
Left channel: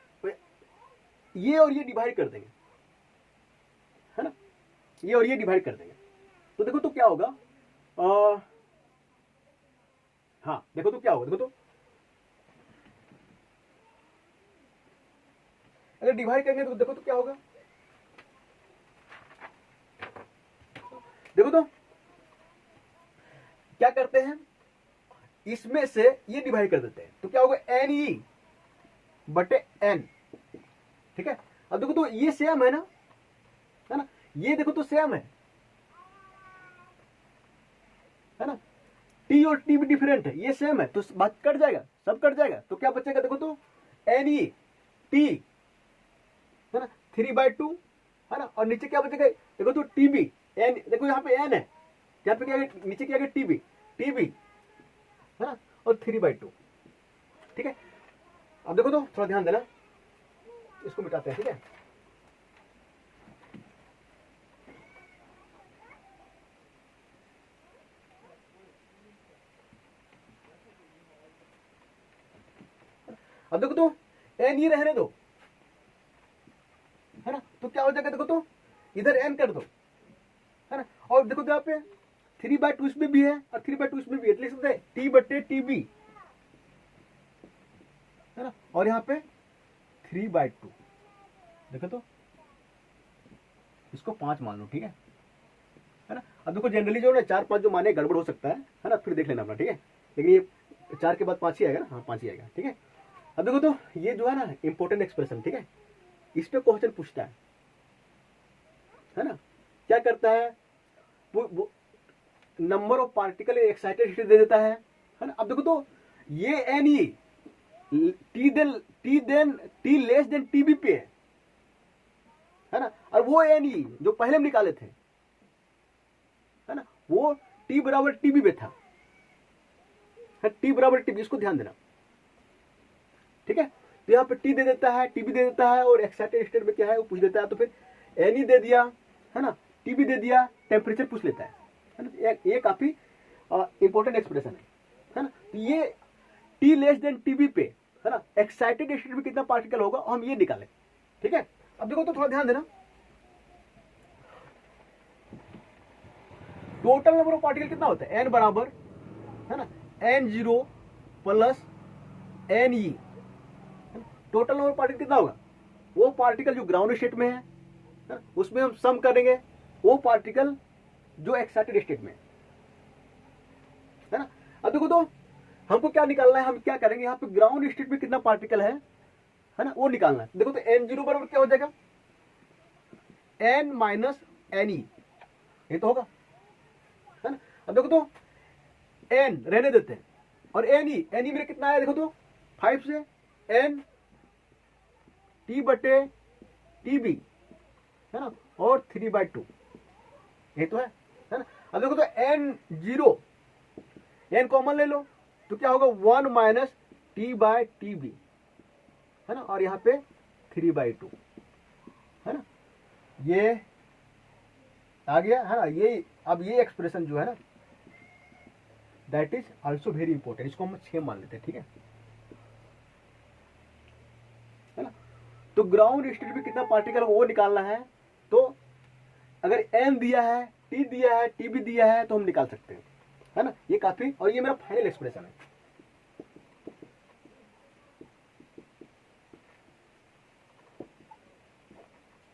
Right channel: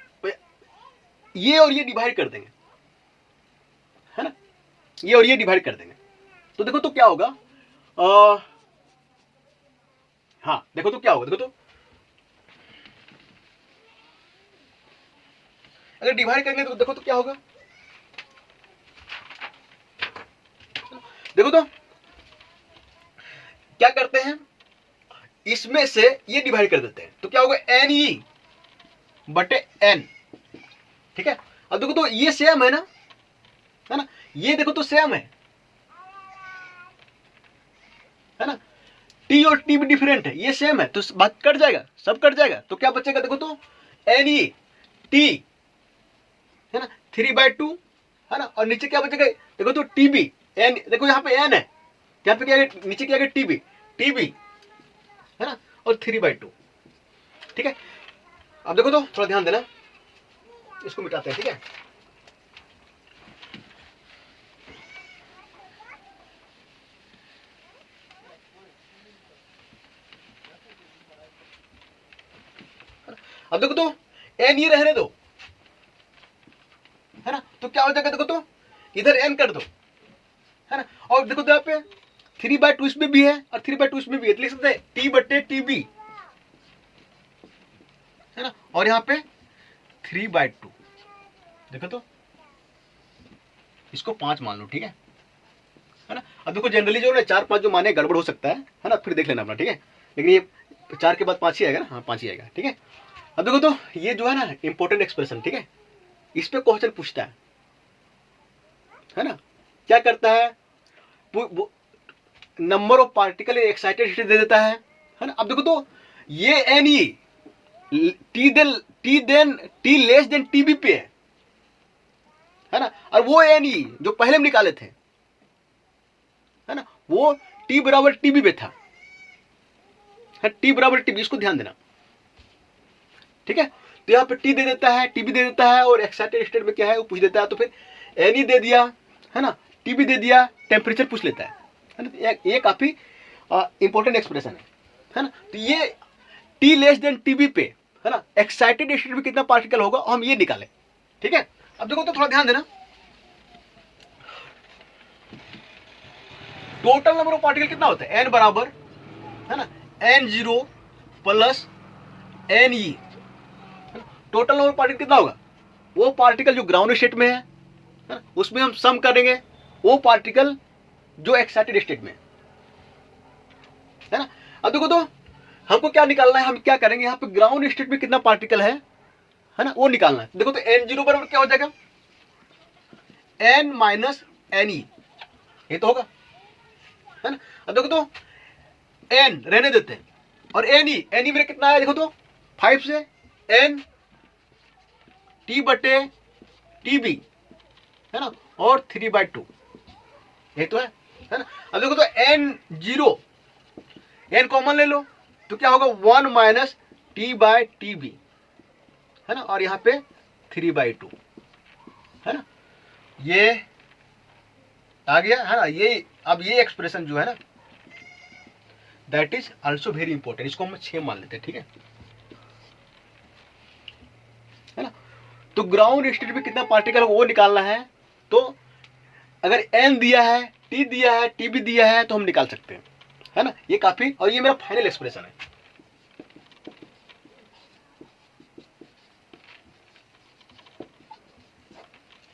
ये और ये डिवाइड कर देंगे, है ना, ये और ये डिवाइड कर देंगे, तो देखो तो क्या होगा, हाँ देखो तो क्या होगा, देखो तो अगर डिवाइड करेंगे तो देखो तो क्या होगा, देखो तो क्या करते हैं, इसमें से ये डिवाइड कर देते हैं, तो क्या होगा Ne/n, ठीक है। अब देखो तो ये सेम है ना, ये देखो तो सेम है ना, टी और टी भी डिफरेंट है, ये सेम है, तो बात कट जाएगा, सब कट जाएगा, तो क्या बचेगा, देखो तो Ne है ना 3/2 है ना, और नीचे क्या बचेगा, देखो तो TB, n, देखो यहाँ पे n है, यहाँ पे क्या है, नीचे क्या है, TB है ना, और 3/2, ठीक है। अब देखो तो थोड़ा ध्यान देना, इसको मिटाते हैं, ठीक है। अब देखो तो n ये रहने दो, है ना, तो क्या हो जाएगा, देखो तो इधर n कर दो, है ना, और देखो तो यहाँ पे 3/2 इसमें भी है और 3/2 इसमें भी है, तो लिख सकते हैं T/TB, है ना, और यहाँ पे 3/2, देखो तो इसको 5 मान लो, ठीक है ना। अब देखो जनरली जो है 4-5 जो माने गड़बड़ हो सकता है ना, फिर देख लेना अपना, ठीक है, लेकिन ये 4 के बाद 5 ही आएगा ना, हाँ 5 ही आएगा, ठीक है। अब देखो तो ये जो है ना इंपॉर्टेंट एक्सप्रेशन, ठीक है, इस पे क्वेश्चन पूछता है ना, क्या करता है, number of particle excited state दे देता है ना। अब देखो तो ये Ne T< TB पे है ना, और वो Ne जो पहले हम निकाले थे, है ना, वो T=TB पे था, T=TB, इसको ध्यान देना, ठीक है। तो यहाँ पे T दे देता है, TB दे देता है, और एक्साइटेड स्टेट में क्या है वो पूछ देता है, तो फिर Ne दे दिया, है ना, TB दे दिया, टेम्परेचर पूछ लेता है ना, ये काफी इंपॉर्टेंट एक्सप्रेशन है ना। तो ये T<TB पे, है ना, एक्साइटेड स्टेट में कितना पार्टिकल होगा हम ये निकालें, ठीक है। अब देखो तो थोड़ा ध्यान देना, टोटल नंबर ऑफ पार्टिकल कितना होता है, n बराबर, है ना, N0 plus Ne, total number particle कितना होगा, वो पार्टिकल जो ग्राउंड स्टेट में है ना, उसमें हम सम करेंगे वो पार्टिकल जो एक्साइटेड स्टेट में है ना। अब देखो तो हमको क्या निकालना है, हम क्या करेंगे, यहाँ पे ग्राउंड स्टेट में कितना पार्टिकल है ना, वो निकालना है। देखो तो N0 बराबर क्या हो जाएगा, N - Ne, ये तो होगा, है ना। अब देखो तो N रहने देते हैं, और Ne मेरे कितना है, देखो तो 5 से N T/TB, है ना, और 3/2, ये तो है ना। अब देखो तो N0, N कॉमन ले लो, तो क्या होगा 1 - T/TB, है ना, और यहाँ पे 3/2, है ना, ये आ गया, है ना। ये अब ये एक्सप्रेशन जो है ना that is also very important, इसको हम 6 मान लेते हैं, ठीक है ना। तो ग्राउंड स्टेट में कितना पार्टिकल है वो निकालना है, तो अगर N दिया है, T दिया है, TB दिया है, तो हम निकाल सकते हैं, है ना। ये काफी, और ये मेरा फाइनल एक्सप्रेशन है,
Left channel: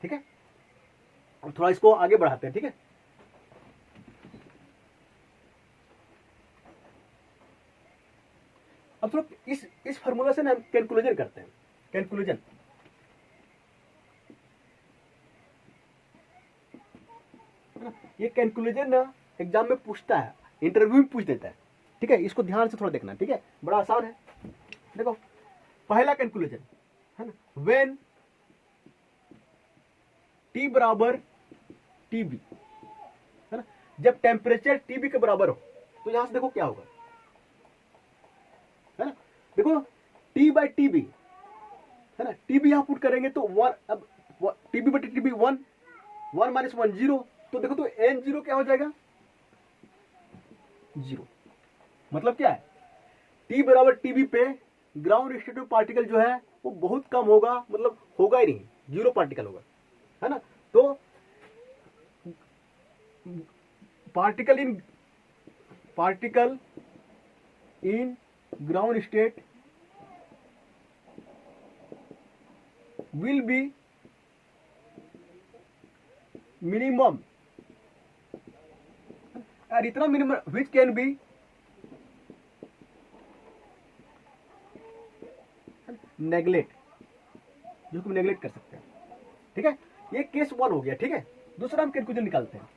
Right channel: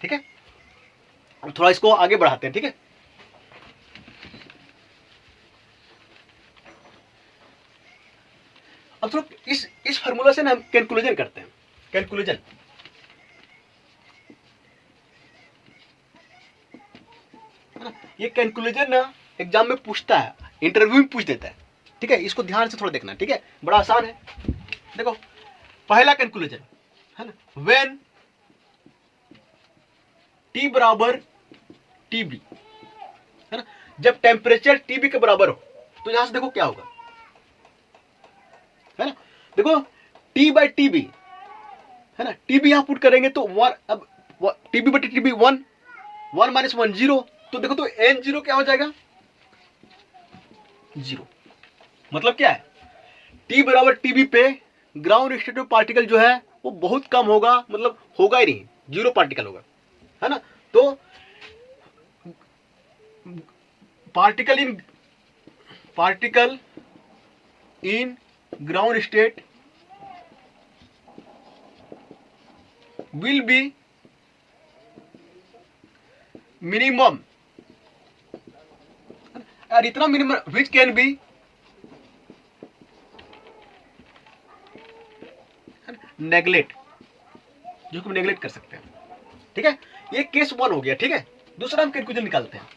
ठीक है। अब थोड़ा इसको आगे बढ़ाते हैं, ठीक है। अब थोड़ा इस फॉर्मूला से ना हम कैलकुलेशन करते हैं, कैलकुलेशन। ये कैलकुलेशन ना एग्जाम में पूछता है, इंटरव्यू में पूछ देता है, ठीक है। इसको ध्यान से थोड़ा देखना, ठीक है, बड़ा आसान है। देखो पहला कैलकुलेशन है ना, व्हेन टी बराबर टीबी, है ना, जब टेम्परेचर टीबी के बराबर हो, तो यहां से देखो क्या होगा, है ना। देखो टी बाई टीबी, है ना, टीबी यहां पुट करेंगे तो वन, अब टीबी बटे टीबी 1, 1 माइनस 1 0, तो देखो तो एन जीरो क्या हो जाएगा, 0। मतलब क्या है, टी बराबर टीबी पे ग्राउंड स्टेट में पार्टिकल जो है वो बहुत कम होगा, मतलब होगा ही नहीं, 0 पार्टिकल होगा, है ना। तो particle in ground state will be minimum, और इतना minimum which can be neglect, जो हम नेगलेक्ट कर सकते हैं, ठीक है। ये केस 1 हो गया, ठीक है। दूसरा हम कैलकुलेशन निकालते हैं।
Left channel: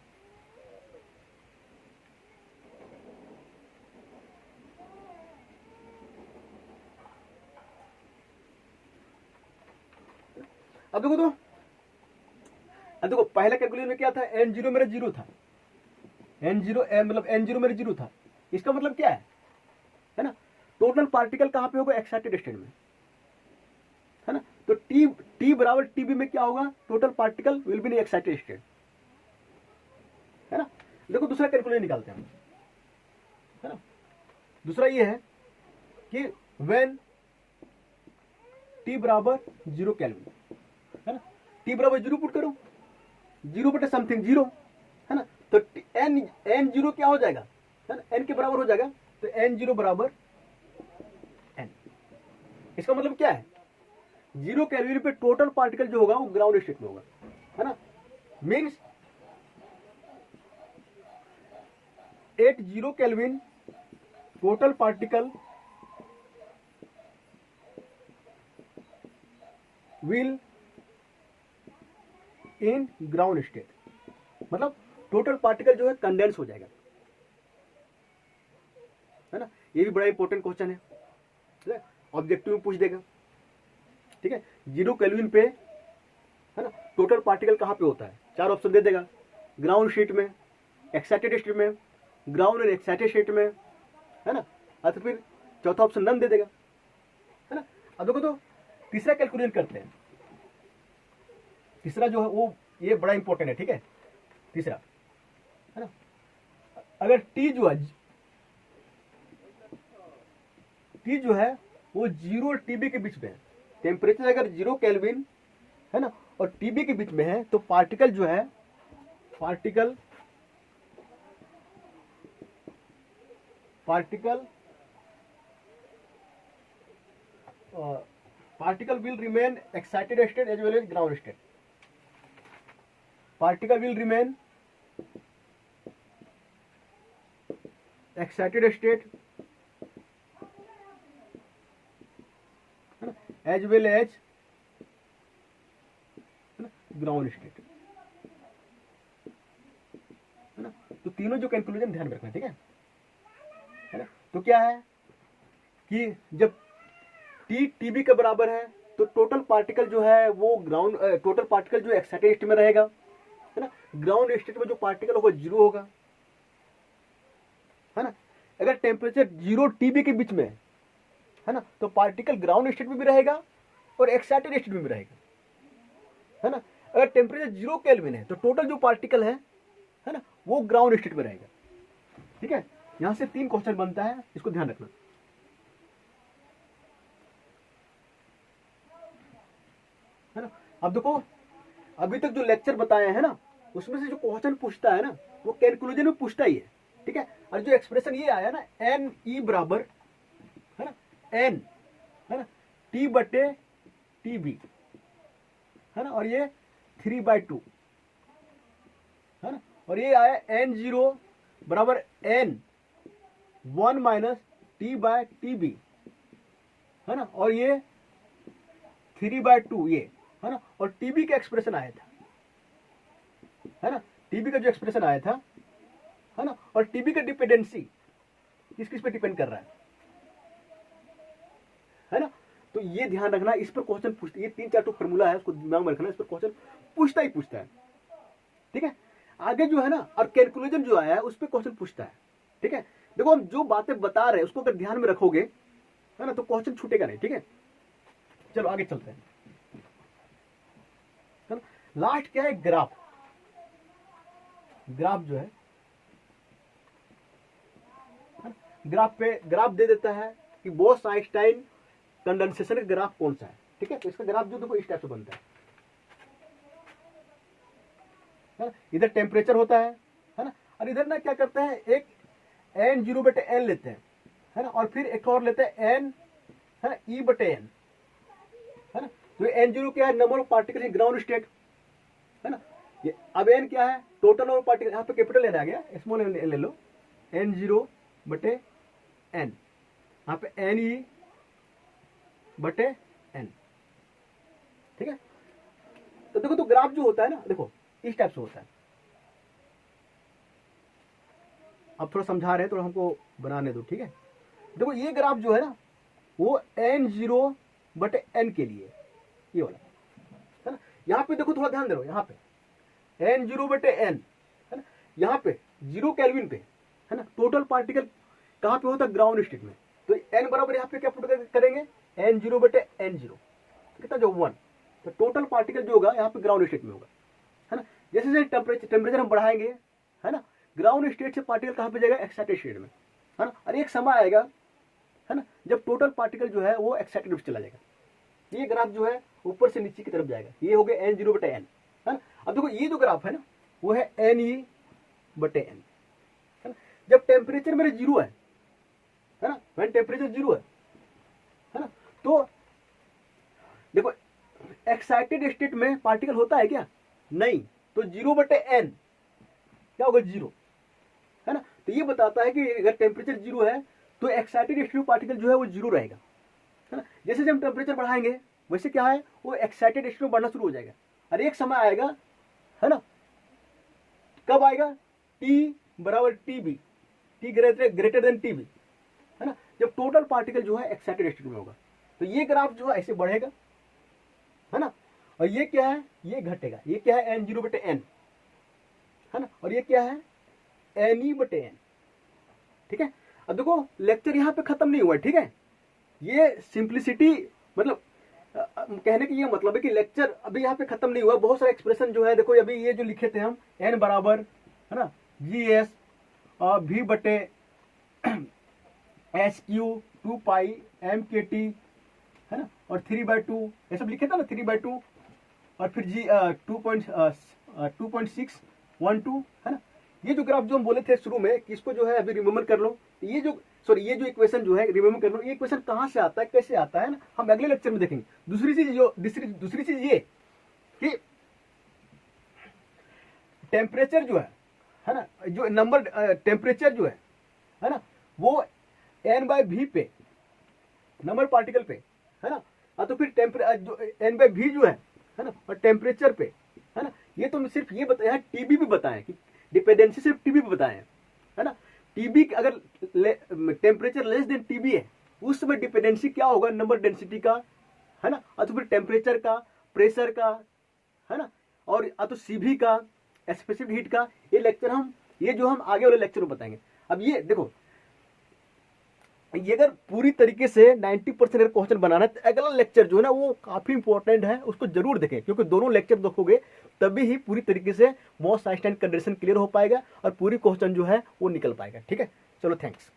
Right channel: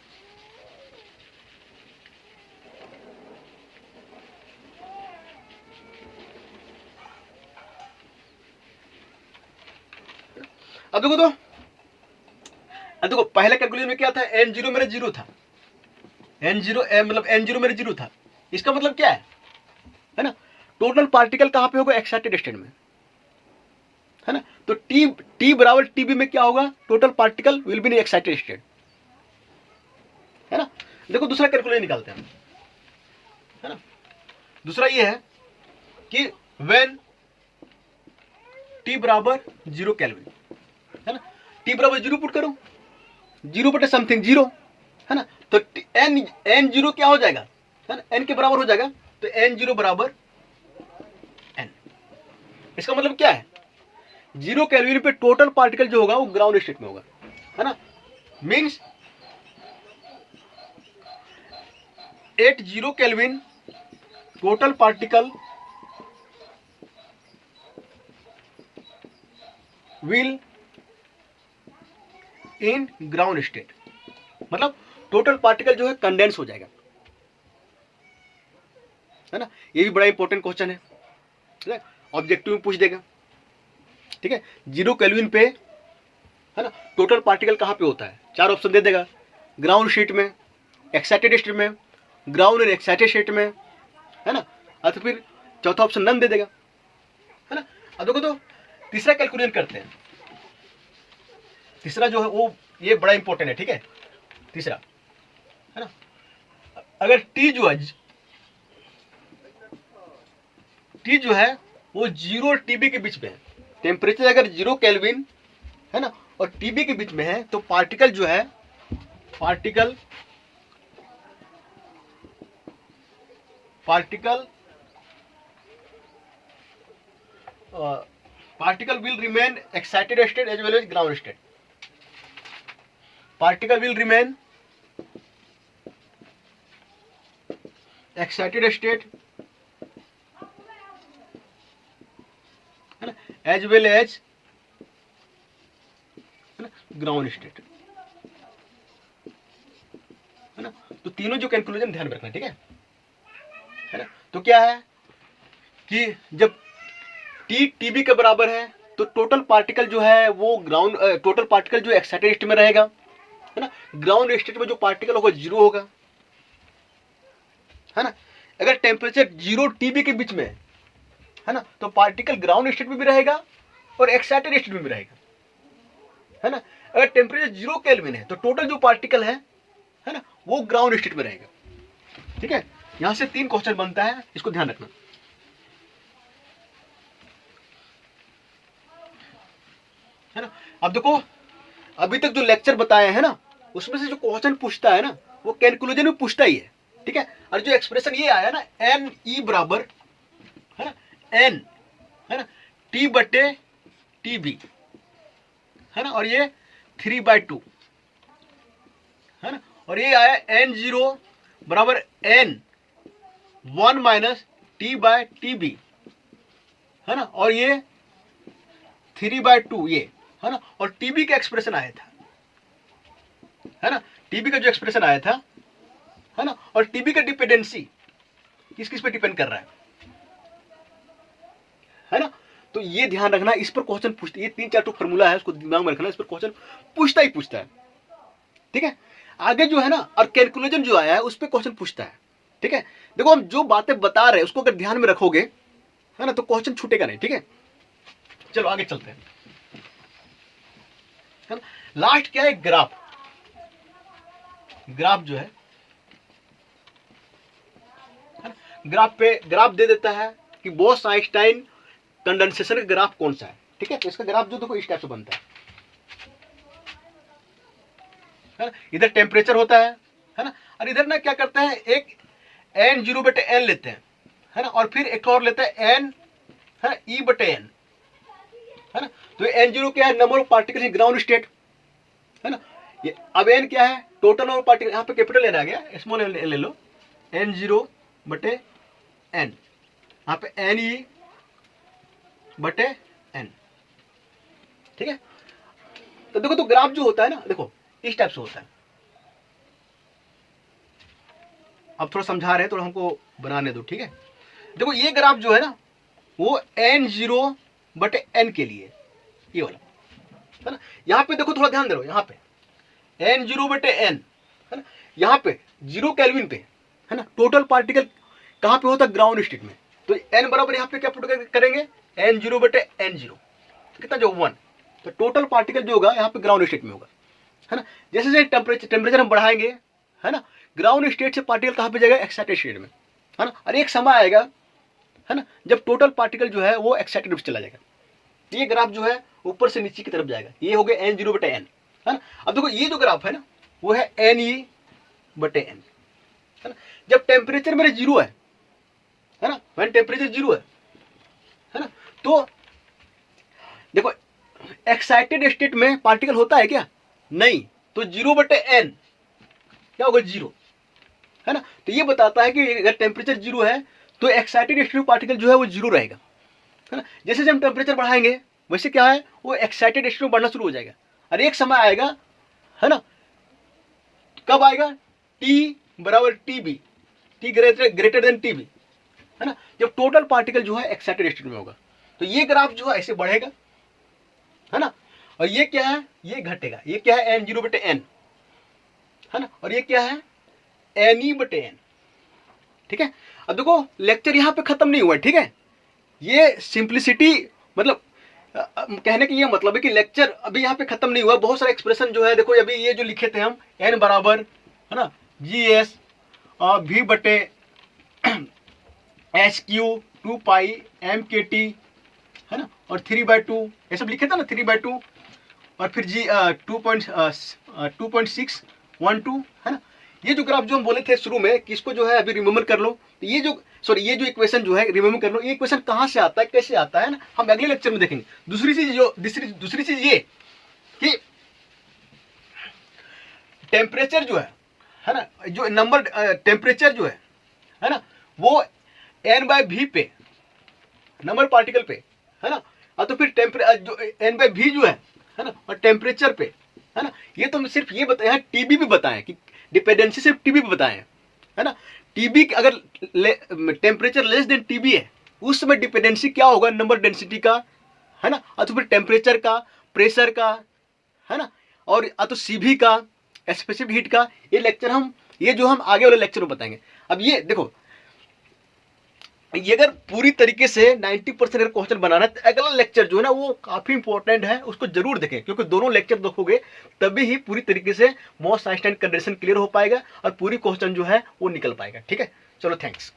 अब देखो पहले कैलकुलेशन में क्या था, एन जीरो मेरा 0 था, एन जीरो मतलब एन जीरो मेरा 0 था। इसका मतलब क्या है ना, टोटल पार्टिकल कहां पे होगा, एक्साइटेड स्टेट में, है ना। तो टी बराबर टीबी में क्या होगा, total particle will be in excited state, है ना। देखो दूसरा कैलकुलेशन निकालते हैं, है ना। दूसरा ये है कि व्हेन टी बराबर 0 केल्विन, है ना, टी बराबर 0 पुट करो, 0 बटे समथिंग 0, है ना। तो एन जीरो क्या हो जाएगा, है ना, एन के बराबर हो जाएगा, तो एन जीरो बराबर एन। इसका मतलब क्या है, 0 केल्विन पे टोटल पार्टिकल जो होगा वो ग्राउंड स्टेट में होगा, है ना। Means at 0 kelvin total particle will in ground state, मतलब टोटल पार्टिकल जो है कंडेंस हो जाएगा, है ना। ये भी बड़ा इंपॉर्टेंट क्वेश्चन है, ऑब्जेक्टिव में पूछ देगा, ठीक है। 0 केल्विन पे, है ना, टोटल पार्टिकल कहां पे होता है, 4 ऑप्शन दे देगा, ग्राउंड स्टेट में, एक्साइटेड स्टेट में, ग्राउंड एंड एक्साइटेड स्टेट में, है ना, और फिर चौथा ऑप्शन नन दे देगा, है ना। अब देखो तो तीसरा कैलकुलेट करते हैं। तीसरा जो है वो ये बड़ा इंपॉर्टेंट है, ठीक है। तीसरा, है ना, अगर टी जो है वो 0 और टीबी के बीच में है, टेम्परेचर अगर 0 केल्विन, है ना, और टीबी के बीच में है, तो पार्टिकल जो है, particle will remain excited state as well as ground state. Particle will remain excited state, है ना, as well as, है ना, ग्राउंड स्टेट, है ना। तो तीनों जो कैलकुलेशन ध्यान रखना, ठीक है ना। तो क्या है कि जब टी टीबी के बराबर है तो टोटल पार्टिकल जो है वो टोटल पार्टिकल जो एक्साइटेड स्टेट में रहेगा, है ना, ग्राउंड स्टेट में जो पार्टिकल होगा 0 होगा, है ना। अगर टेम्परेचर 0 टीबी के बीच में है ना, तो पार्टिकल ग्राउंड स्टेट में भी रहेगा और एक्साइटेड स्टेट में भी रहेगा, है ना। अगर टेम्परेचर 0 केल्विन है तो टोटल जो पार्टिकल है ना, वो ग्राउंड स्टेट में रहेगा, ठीक है। यहां से 3 क्वेश्चन बनता है, इसको ध्यान रखना, है ना। अब देखो अभी तक जो लेक्चर बताए हैं ना, उसमें से जो क्वेश्चन पूछता है ना वो कैलकुलेशन में पूछता ही है, ठीक है। और जो एक्सप्रेशन ये आया ना, एन ई बराबर, है ना, एन, है ना, टी बटे टी बी, है ना, और ये 3/2, है ना, और ये आया एन जीरो बराबर N 1 minus T by T B, है ना, और ये 3/2 ये, है ना, और टीबी का एक्सप्रेशन आया था, है ना, टीबी का जो एक्सप्रेशन आया था, है ना, और टीबी का डिपेंडेंसी किस किस पे डिपेंड कर रहा है ना। तो ये ध्यान रखना, इस पर क्वेश्चन पूछते, ये 3-4 फॉर्मूला है, उसको दिमाग में रखना, इस पर क्वेश्चन पूछता ही पूछता है, ठीक है। आगे जो है ना, और कैलकुलेशन जो आया है उस पर क्वेश्चन पूछता है, ठीक है। देखो हम जो बातें बता रहे हैं उसको अगर ध्यान में रखोगे, है ना, तो क्वेश्चन छूटेगा नहीं, ठीक है। चलो आगे चलते हैं, है ना। लास्ट क्या है, ग्राफ। ग्राफ जो है ना, ग्राफ दे देता है कि बोस आइंस्टाइन कंडेंसेशन का ग्राफ कौन सा है, ठीक है। तो इसका ग्राफ जो देखो इस टाइप से बनता है ना। इधर टेम्परेचर होता है ना, और इधर ना क्या करते हैं, एक n0/n लेते हैं, है ना, और फिर एक और लेते हैं n, है ना, E/n, है ना। तो n0 क्या है, number of particle in ground state, है ना। ये अब n क्या है, टोटल नंबर ऑफ पार्टिकल, यहाँ पे कैपिटल n आ गया, स्मॉल n ले लो, n0/n, यहाँ पे NE/n, ठीक है। तो देखो, तो ग्राफ जो होता है ना, देखो इस टाइप से होता है। अब थोड़ा समझा रहे हैं, थोड़ा हमको बनाने दो, ठीक है। देखो ये ग्राफ जो है ना, वो n0/n के लिए, ये वाला, है ना। यहाँ पे देखो, थोड़ा ध्यान दे लो, यहाँ पे n0/n, है ना, यहाँ पे 0 केल्विन पे, है ना, टोटल पार्टिकल कहाँ पे होता है, ग्राउंड स्टेट में। तो n बराबर यहाँ पे क्या पुट करेंगे, n0/n0, कितना जो 1, तो टोटल पार्टिकल जो होगा यहाँ पे ग्राउंड स्टेट में होगा, है ना। जैसे जैसे टेम्परेचर हम बढ़ाएंगे, है ना, ग्राउंड स्टेट से पार्टिकल कहाँ पे जाएगा, एक्साइटेड स्टेट में, है ना। और एक समय आएगा, है ना, जब टोटल पार्टिकल जो है वो एक्साइटेड में चला जाएगा। ये ग्राफ जो है ऊपर से नीचे की तरफ जाएगा, ये हो गया n0/n, है ना। अब देखो ये जो ग्राफ है ना, वो है NE/n, है ना। जब टेम्परेचर मेरे 0 है ना, व्हेन टेम्परेचर 0 है ना, तो देखो एक्साइटेड स्टेट में पार्टिकल होता है क्या, नहीं, तो 0/n क्या होगा, 0, है ना। तो ये बताता है कि अगर टेम्परेचर 0 है तो एक्साइटेड स्टेट में पार्टिकल जो है वो 0 रहेगा, है ना। जैसे जब हम टेम्परेचर बढ़ाएंगे वैसे क्या है, वो एक्साइटेड स्टेट में बढ़ना शुरू हो जाएगा, और एक समय आएगा, है ना, कब आएगा, T=TB, T greater than TB, है ना, जब टोटल पार्टिकल जो है एक्साइटेड स्टेट में होगा। तो ये ग्राफ जो है ऐसे बढ़ेगा, है ना, और ये क्या है, ये घटेगा, ये क्या है, n0/n, है ना, और ये क्या है, NE/n, ठीक है। अब देखो लेक्चर यहाँ पे खत्म नहीं हुआ, ठीक है। ये सिंप्लिसिटी, मतलब कहने की ये मतलब है कि लेक्चर अभी यहाँ पे खत्म नहीं हुआ, बहुत सारे एक्सप्रेशन जो है, देखो अभी ये जो लिखे थे हम, n बराबर, है ना, GS V/HQ 2π/MKT, है ना, और 3/2 ये सब लिखे थे ना, 3/2, और फिर G 2.612, है ना। ये जो ग्राफ जो हम बोले थे शुरू में कि इसको जो है अभी रिमेम्बर कर लो, तो ये जो ये जो इक्वेशन जो है रिमेम्बर कर लो, ये इक्वेशन कहाँ से आता है, कैसे आता है ना, हम अगले लेक्चर में देखेंगे। दूसरी चीज ये कि टेम्परेचर जो है ना, जो नंबर टेम्परेचर जो है ना, वो n/v पे, नंबर पार्टिकल पे, है ना, और तो फिर जो n/v जो है ना, और टेम्परेचर पे, है ना। ये तो सिर्फ ये बताया है, टीबी भी बताएं कि डिपेंडेंसी सिर्फ टीबी पे बताएं, है ना। टीबी अगर टेम्परेचर लेस देन टीबी है, उस समय डिपेंडेंसी क्या होगा, नंबर डेंसिटी का, है ना, और तो फिर टेम्परेचर का, प्रेशर का, है ना, और तो सीवी का, स्पेसिफिक हीट का। ये जो हम आगे वाले लेक्चर में बताएंगे। अब ये देखो, ये अगर पूरी तरीके से 90% अगर क्वेश्चन बनाना है तो अगला लेक्चर जो है ना वो काफी इंपॉर्टेंट है, उसको जरूर देखें, क्योंकि दोनों लेक्चर देखोगे तभी ही पूरी तरीके से बोस-आइंस्टाइन कंडीशन क्लियर हो पाएगा और पूरी क्वेश्चन जो है वो निकल पाएगा, ठीक है। चलो थैंक्स।